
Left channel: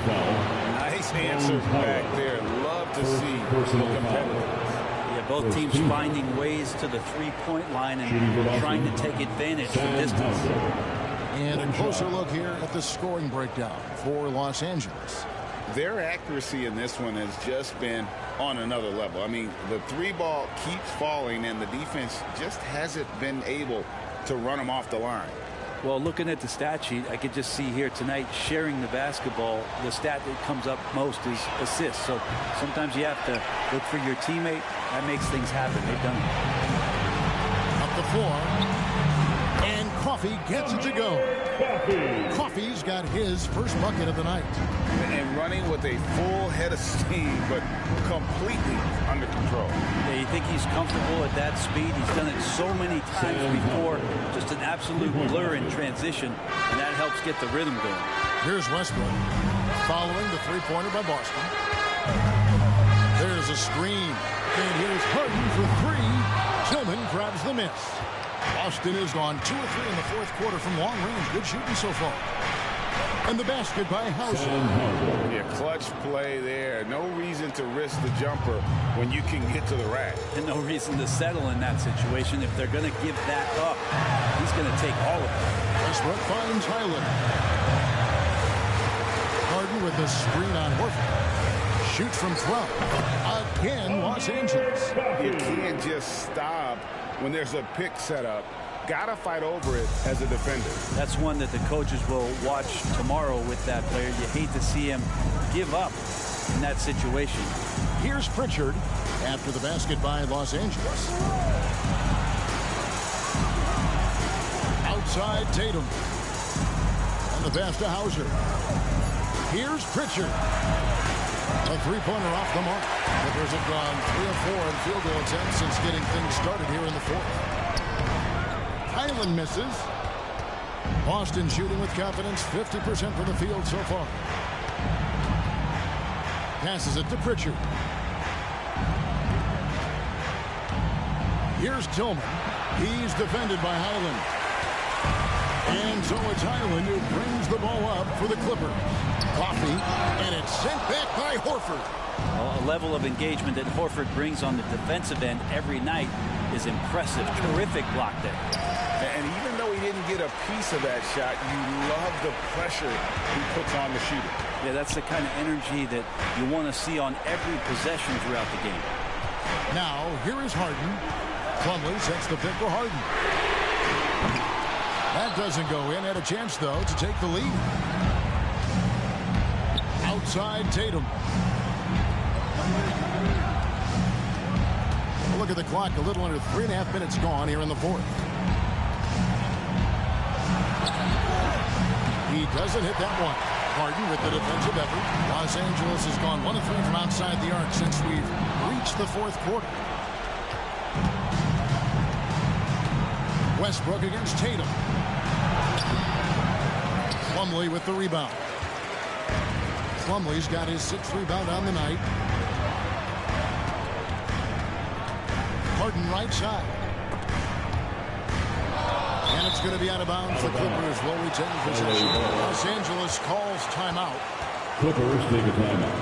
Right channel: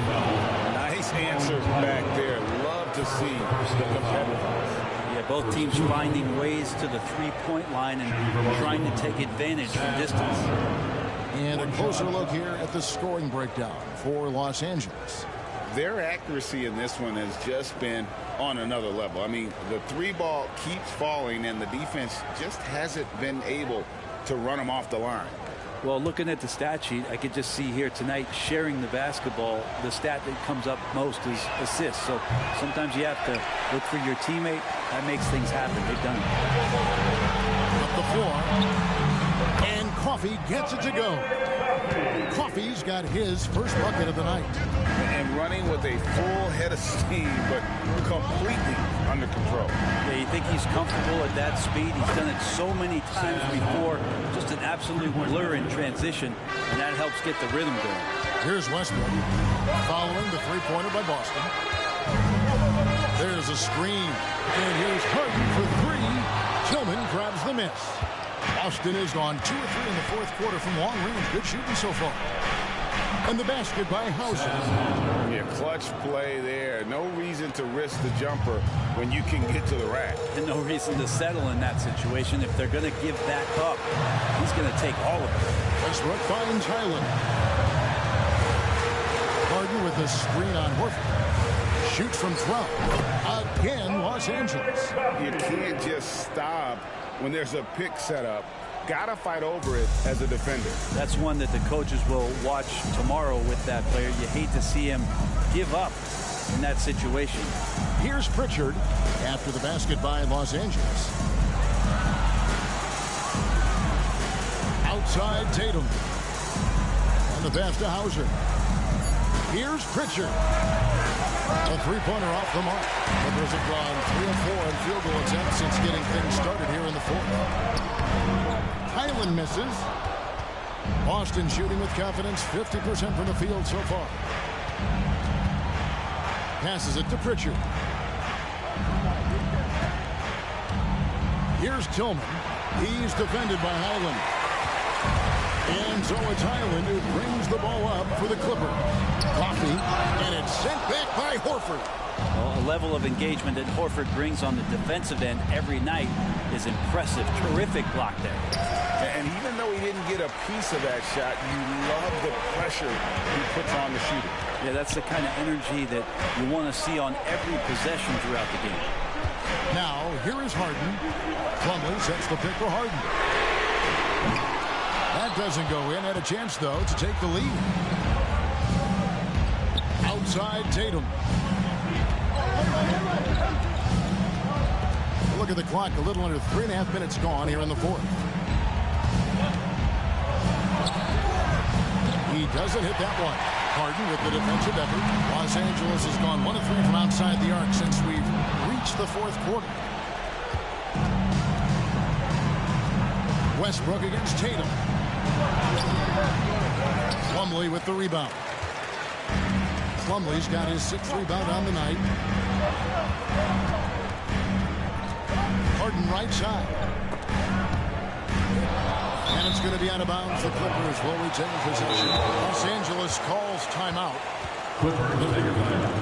Nice answer back there. Love to see the competitiveness. Yeah, both teams finding ways to the three-point line and trying to take advantage from distance. And a closer look here at the scoring breakdown for Los Angeles. Their accuracy in this one has just been on another level. I mean, the three ball keeps falling, and the defense just hasn't been able to run them off the line. Well, looking at the stat sheet, I could just see here tonight sharing the basketball. The stat that comes up most is assists. So sometimes you have to look for your teammate. That makes things happen. They've done it. Up the floor. And Coffey gets it to go. Coffey's got his first bucket of the night. And running with a full head of steam, but completely under control. Yeah, you think he's comfortable at that speed. He's done it so many times before. Just an absolute blur in transition, and that helps get the rhythm going. Here's Westbrook following the three-pointer by Boston. There's a screen. And here's Harden for three. Tillman grabs the miss. Boston has gone 2 or 3 in the fourth quarter from long range. Good shooting so far. And the basket by Hauser. Yeah, clutch play there. No reason to risk the jumper when you can get to the rack. And no reason to settle in that situation. If they're going to give that up, he's going to take all of it. Westbrook finds Highland. Harden with the screen on Horford. Shoots from 12. Again, Los Angeles. You can't just stop when there's a pick set up. Gotta fight over it as a defender. That's one that the coaches will watch tomorrow with that player. You hate to see him give up in that situation. Here's Pritchard after the basket by Los Angeles. Outside Tatum. And the pass to Hauser. Here's Pritchard. A three-pointer off the mark. Clippers have gone 3 of 4 in field goal attempts since getting things started here in the fourth. Highland misses. Boston shooting with confidence, 50% from the field so far. Passes it to Pritchard. Here's Tillman. He's defended by Highland. And so it's Highland who brings the ball up for the Clippers. Coffey, and it's sent back by Horford. Well, a level of engagement that Horford brings on the defensive end every night is impressive. Terrific block there. And even though he didn't get a piece of that shot, you love the pressure he puts on the shooter. Yeah, that's the kind of energy that you want to see on every possession throughout the game. Now, here is Harden. Plumlee sets the pick for Harden. That doesn't go in. Had a chance, though, to take the lead. Outside Tatum. Look at the clock. A little under 3.5 minutes gone here in the fourth. He doesn't hit that one. Harden with the defensive effort. Los Angeles has gone 1 of 3 from outside the arc since we've reached the fourth quarter. Westbrook against Tatum. Plumlee with the rebound. Plumlee's got his 6th rebound on the night. Harden right side. And it's going to be out of bounds. The Clippers will retain possession. Los Angeles calls timeout. Clippers take a timeout.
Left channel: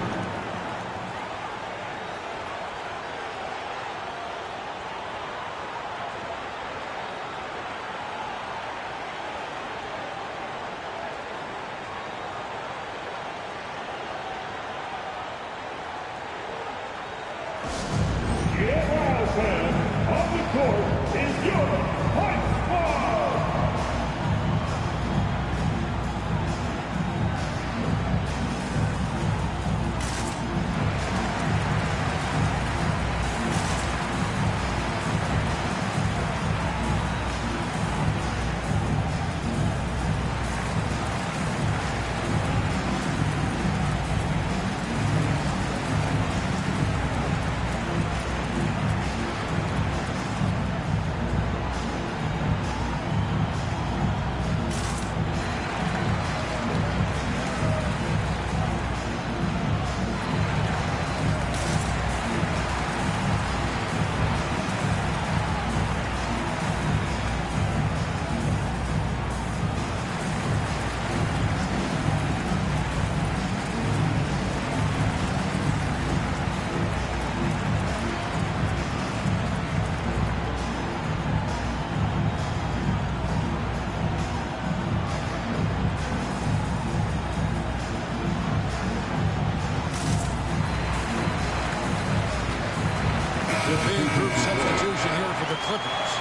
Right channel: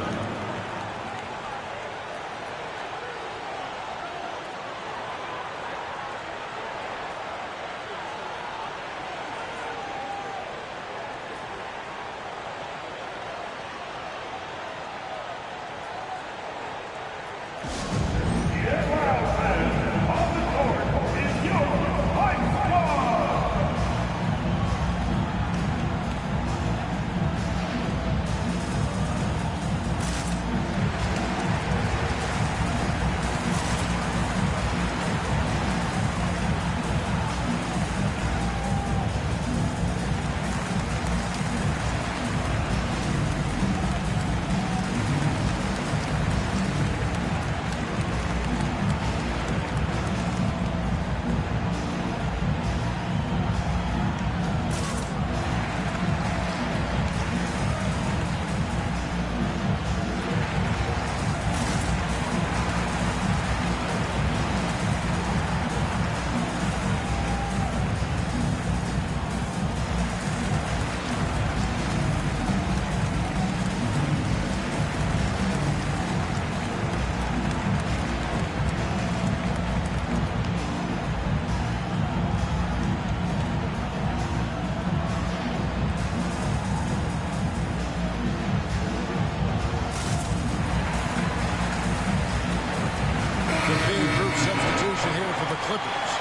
Clippers.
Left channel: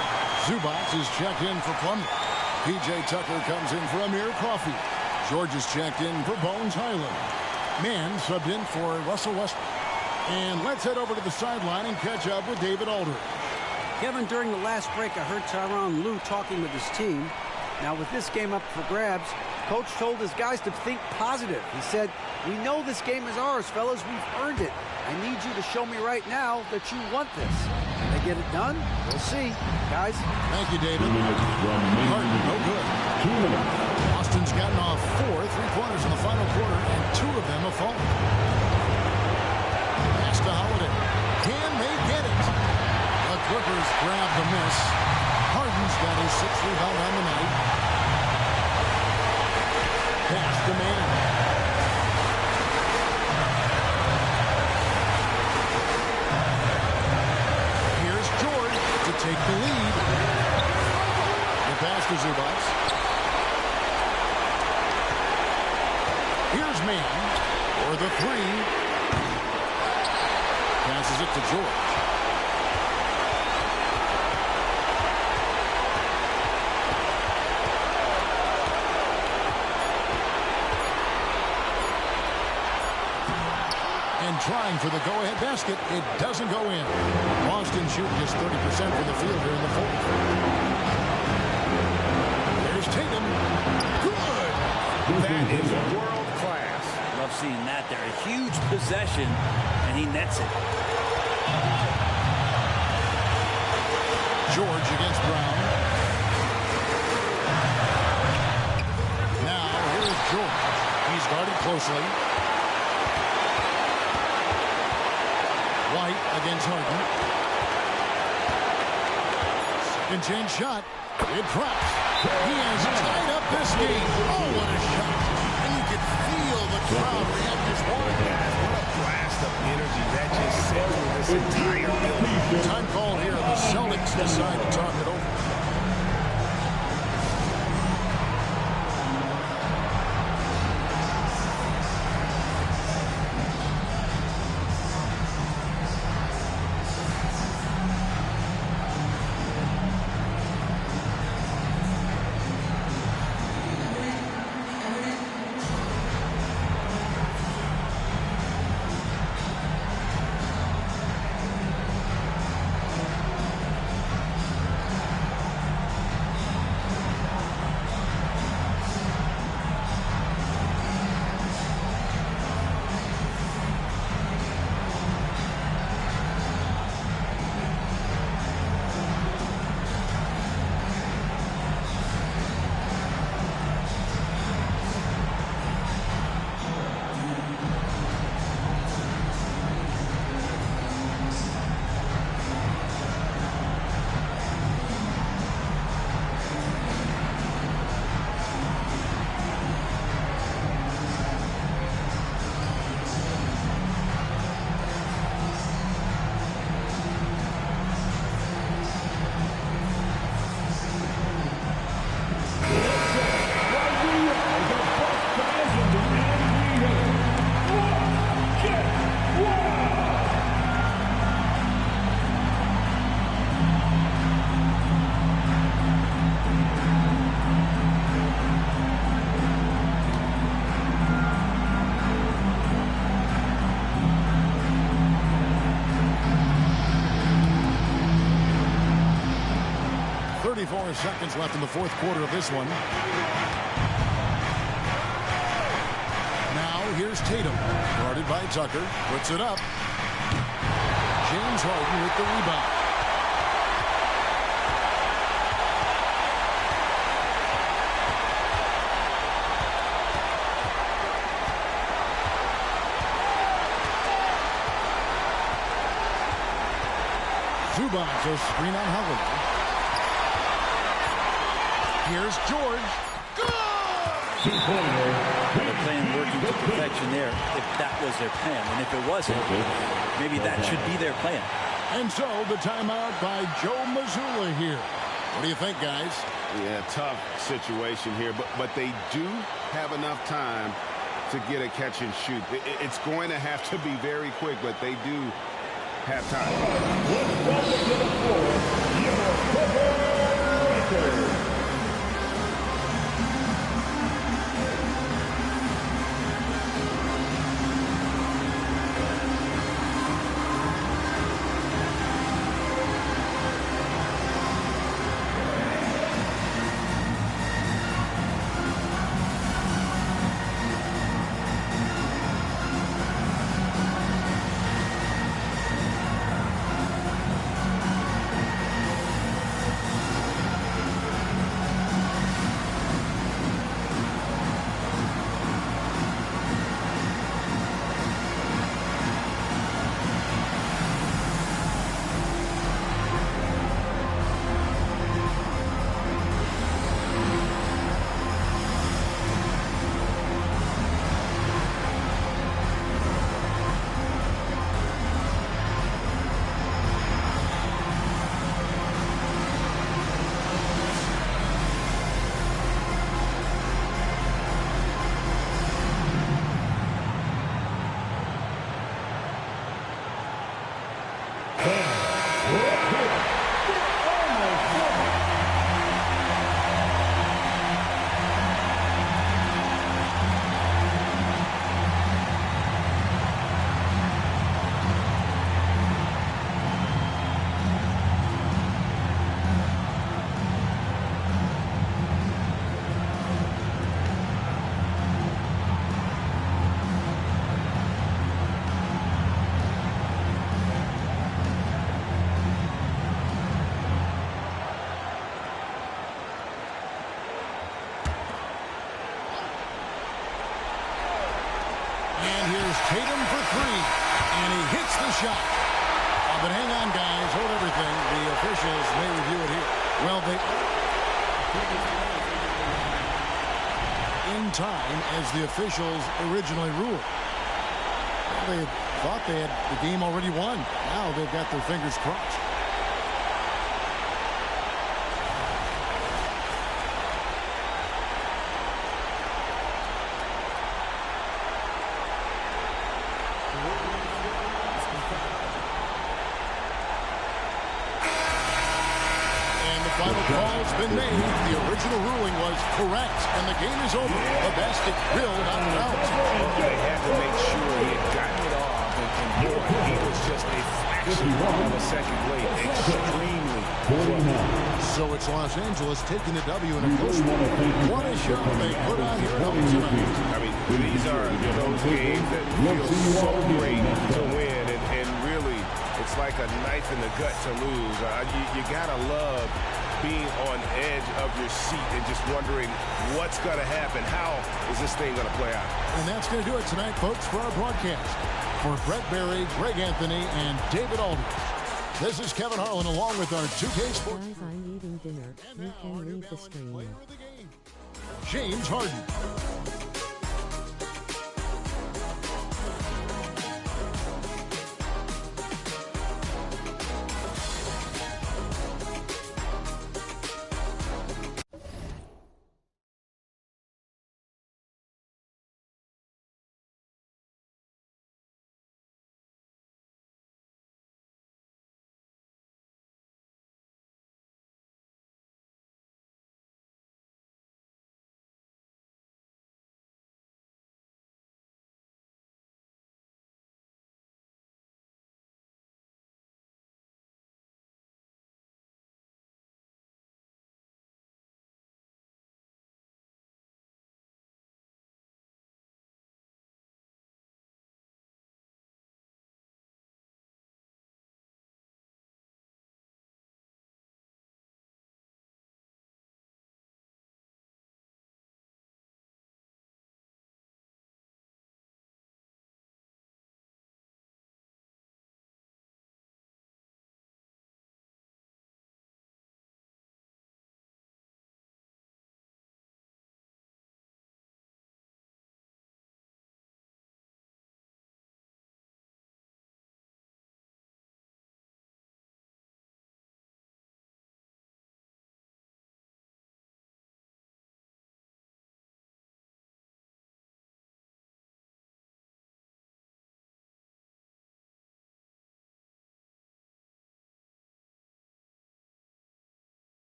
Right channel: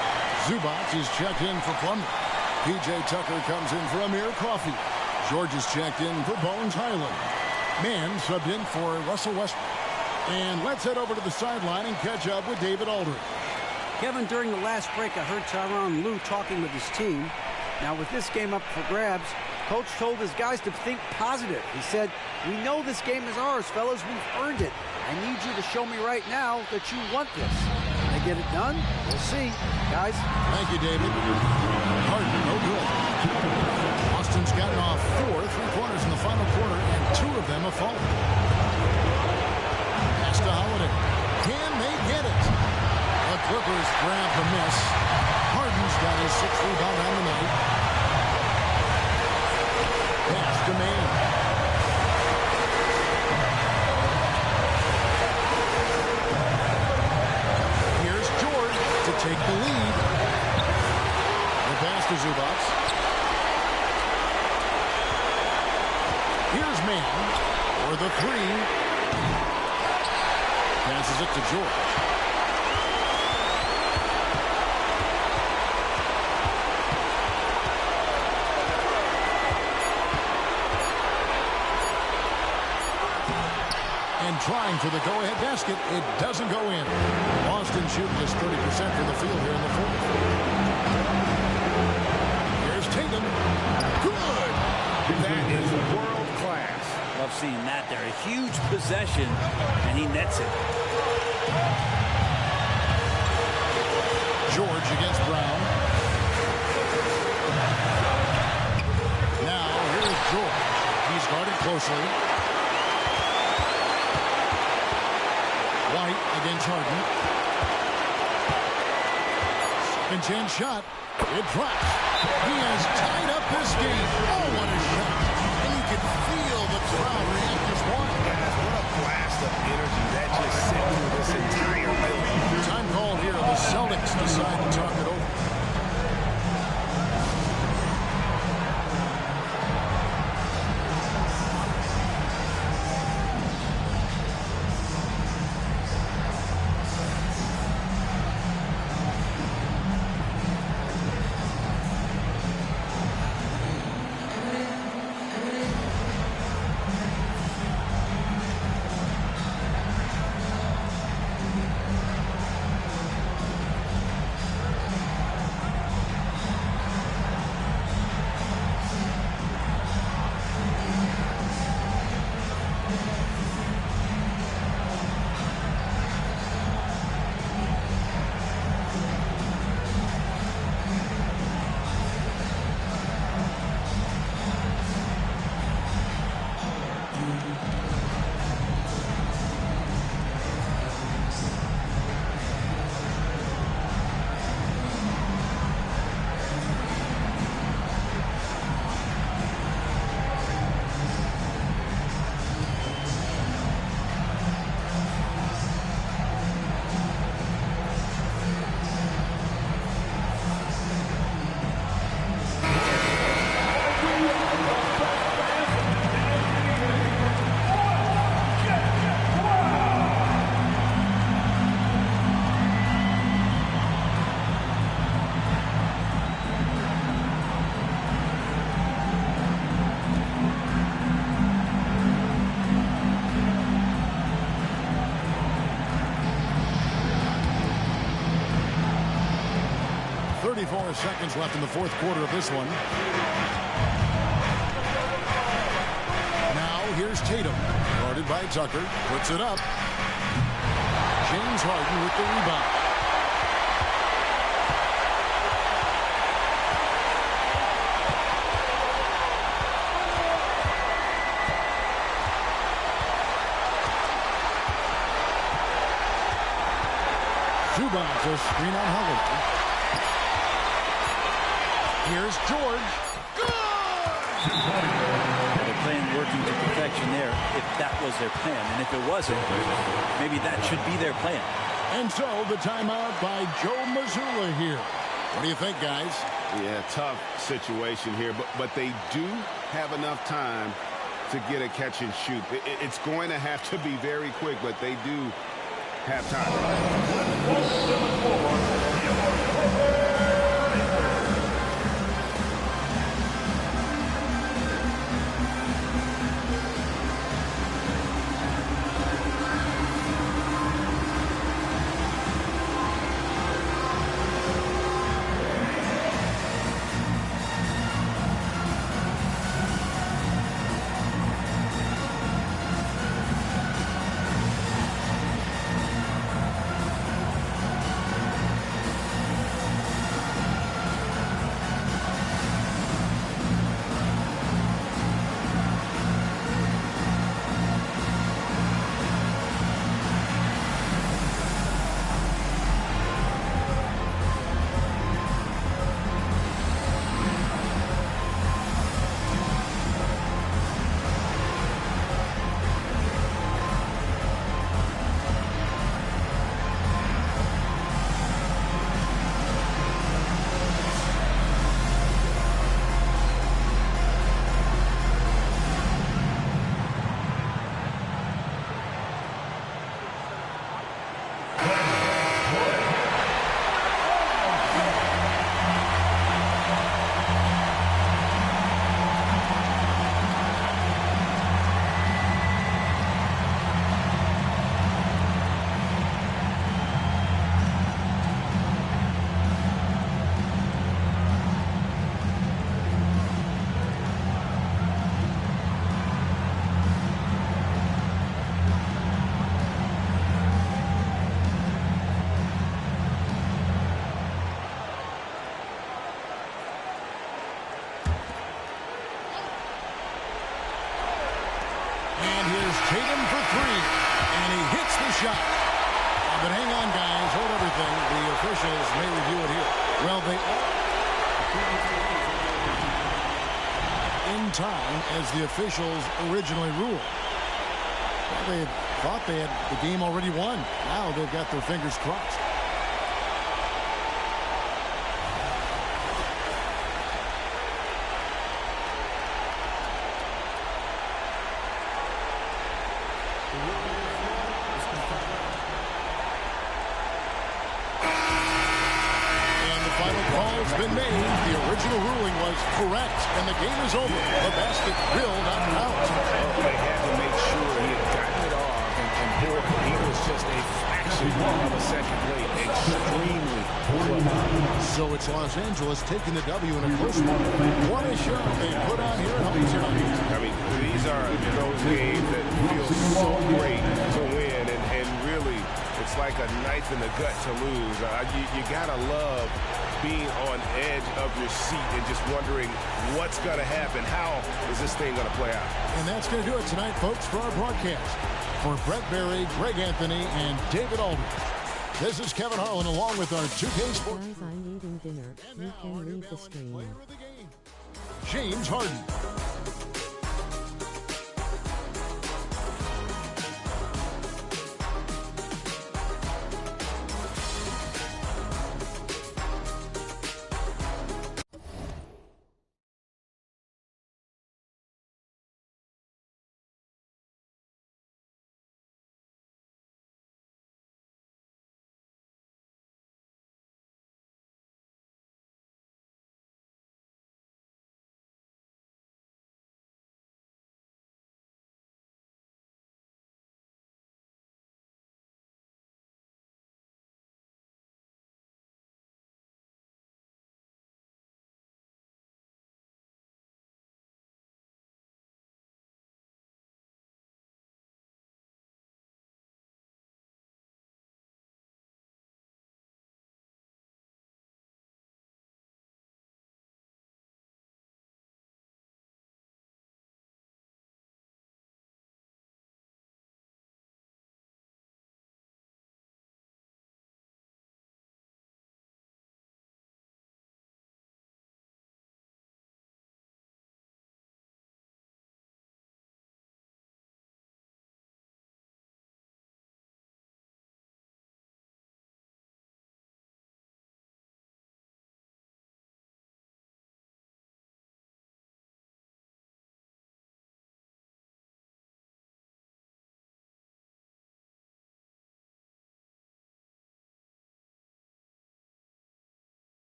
Zubac is checked in for Plumlee. P.J. Tucker comes in for Amir Caulfield. George is checked in for Bones Highland. Mann subbed in for Russell Westbrook. And let's head over to the sideline and catch up with David Aldridge. Kevin, during the last break, I heard Tyronn Lue talking with his team. Now, with this game up for grabs, Coach told his guys to think positive. He said, "We know this game is ours, fellas. We've earned it. I need you to show me right now that you want this." Can they get it done? We'll see. Guys. Thank you, David. Harden, no good. Boston's gotten off 4 3-pointers in the final quarter, and 2 of them have fallen. Pass to Holiday. Can they get it? The Clippers grab the miss. Harden's got his 6th rebound on the night. Pass to Mann. Here's George to take the lead. The pass to Zubac. Here's Mann for the 3. Passes it to George. And trying for the go-ahead basket, it doesn't go in. Boston shooting just 30% from the field here in the 4th. Here's Tatum. Good. That is world class. Love seeing that there. A huge possession, and he nets it. George against Brown. Now, here's George. He's guarded closely. White against Harden. Second chance shot. It drops. He has tied up this game. Oh, what a shot. And you can feel the crowd react as one. Guys, what a blast of energy that just sent through this entire building. Time called here. The Celtics decide to talk it over. .34 seconds left in the 4th quarter of this one. Now here's Tatum, guarded by Tucker, puts it up. James Harden with the rebound. Zubac, a screen on Holiday. Here's George. Good! They're playing working to perfection there, if that was their plan. And if it wasn't, maybe that should be their plan. And so the timeout by Joe Mazzulla here. What do you think, guys? Yeah, tough situation here, but they do have enough time to get a catch and shoot. It's going to have to be very quick, but they do have time. Baker. And here's Tatum for three. And he hits the shot. But hang on, guys. Hold everything. The officials may review it here. Well, they are in time as the officials originally ruled. Well, they thought they had the game already won. Now they've got their fingers crossed. Final call's been made. The original ruling was correct, and the game is over. The basket will not count. Well, they had to make sure he had gotten it off, and boy, he was just a fraction of a second late. Extremely close. So it's Los Angeles taking the W in a close one. What a show they put on here at home tonight. I mean, these are those games that feel so great to win, and really, it's like a knife in the gut to lose. You gotta love being on edge of your seat and just wondering what's going to happen. How is this thing going to play out? And that's going to do it tonight, folks, for our broadcast. For Brett Barry, Greg Anthony, and David Aldridge, this is Kevin Harlan along with our 2K Sports. Guys, I'm eating dinner. You can leave the stream. James Harden.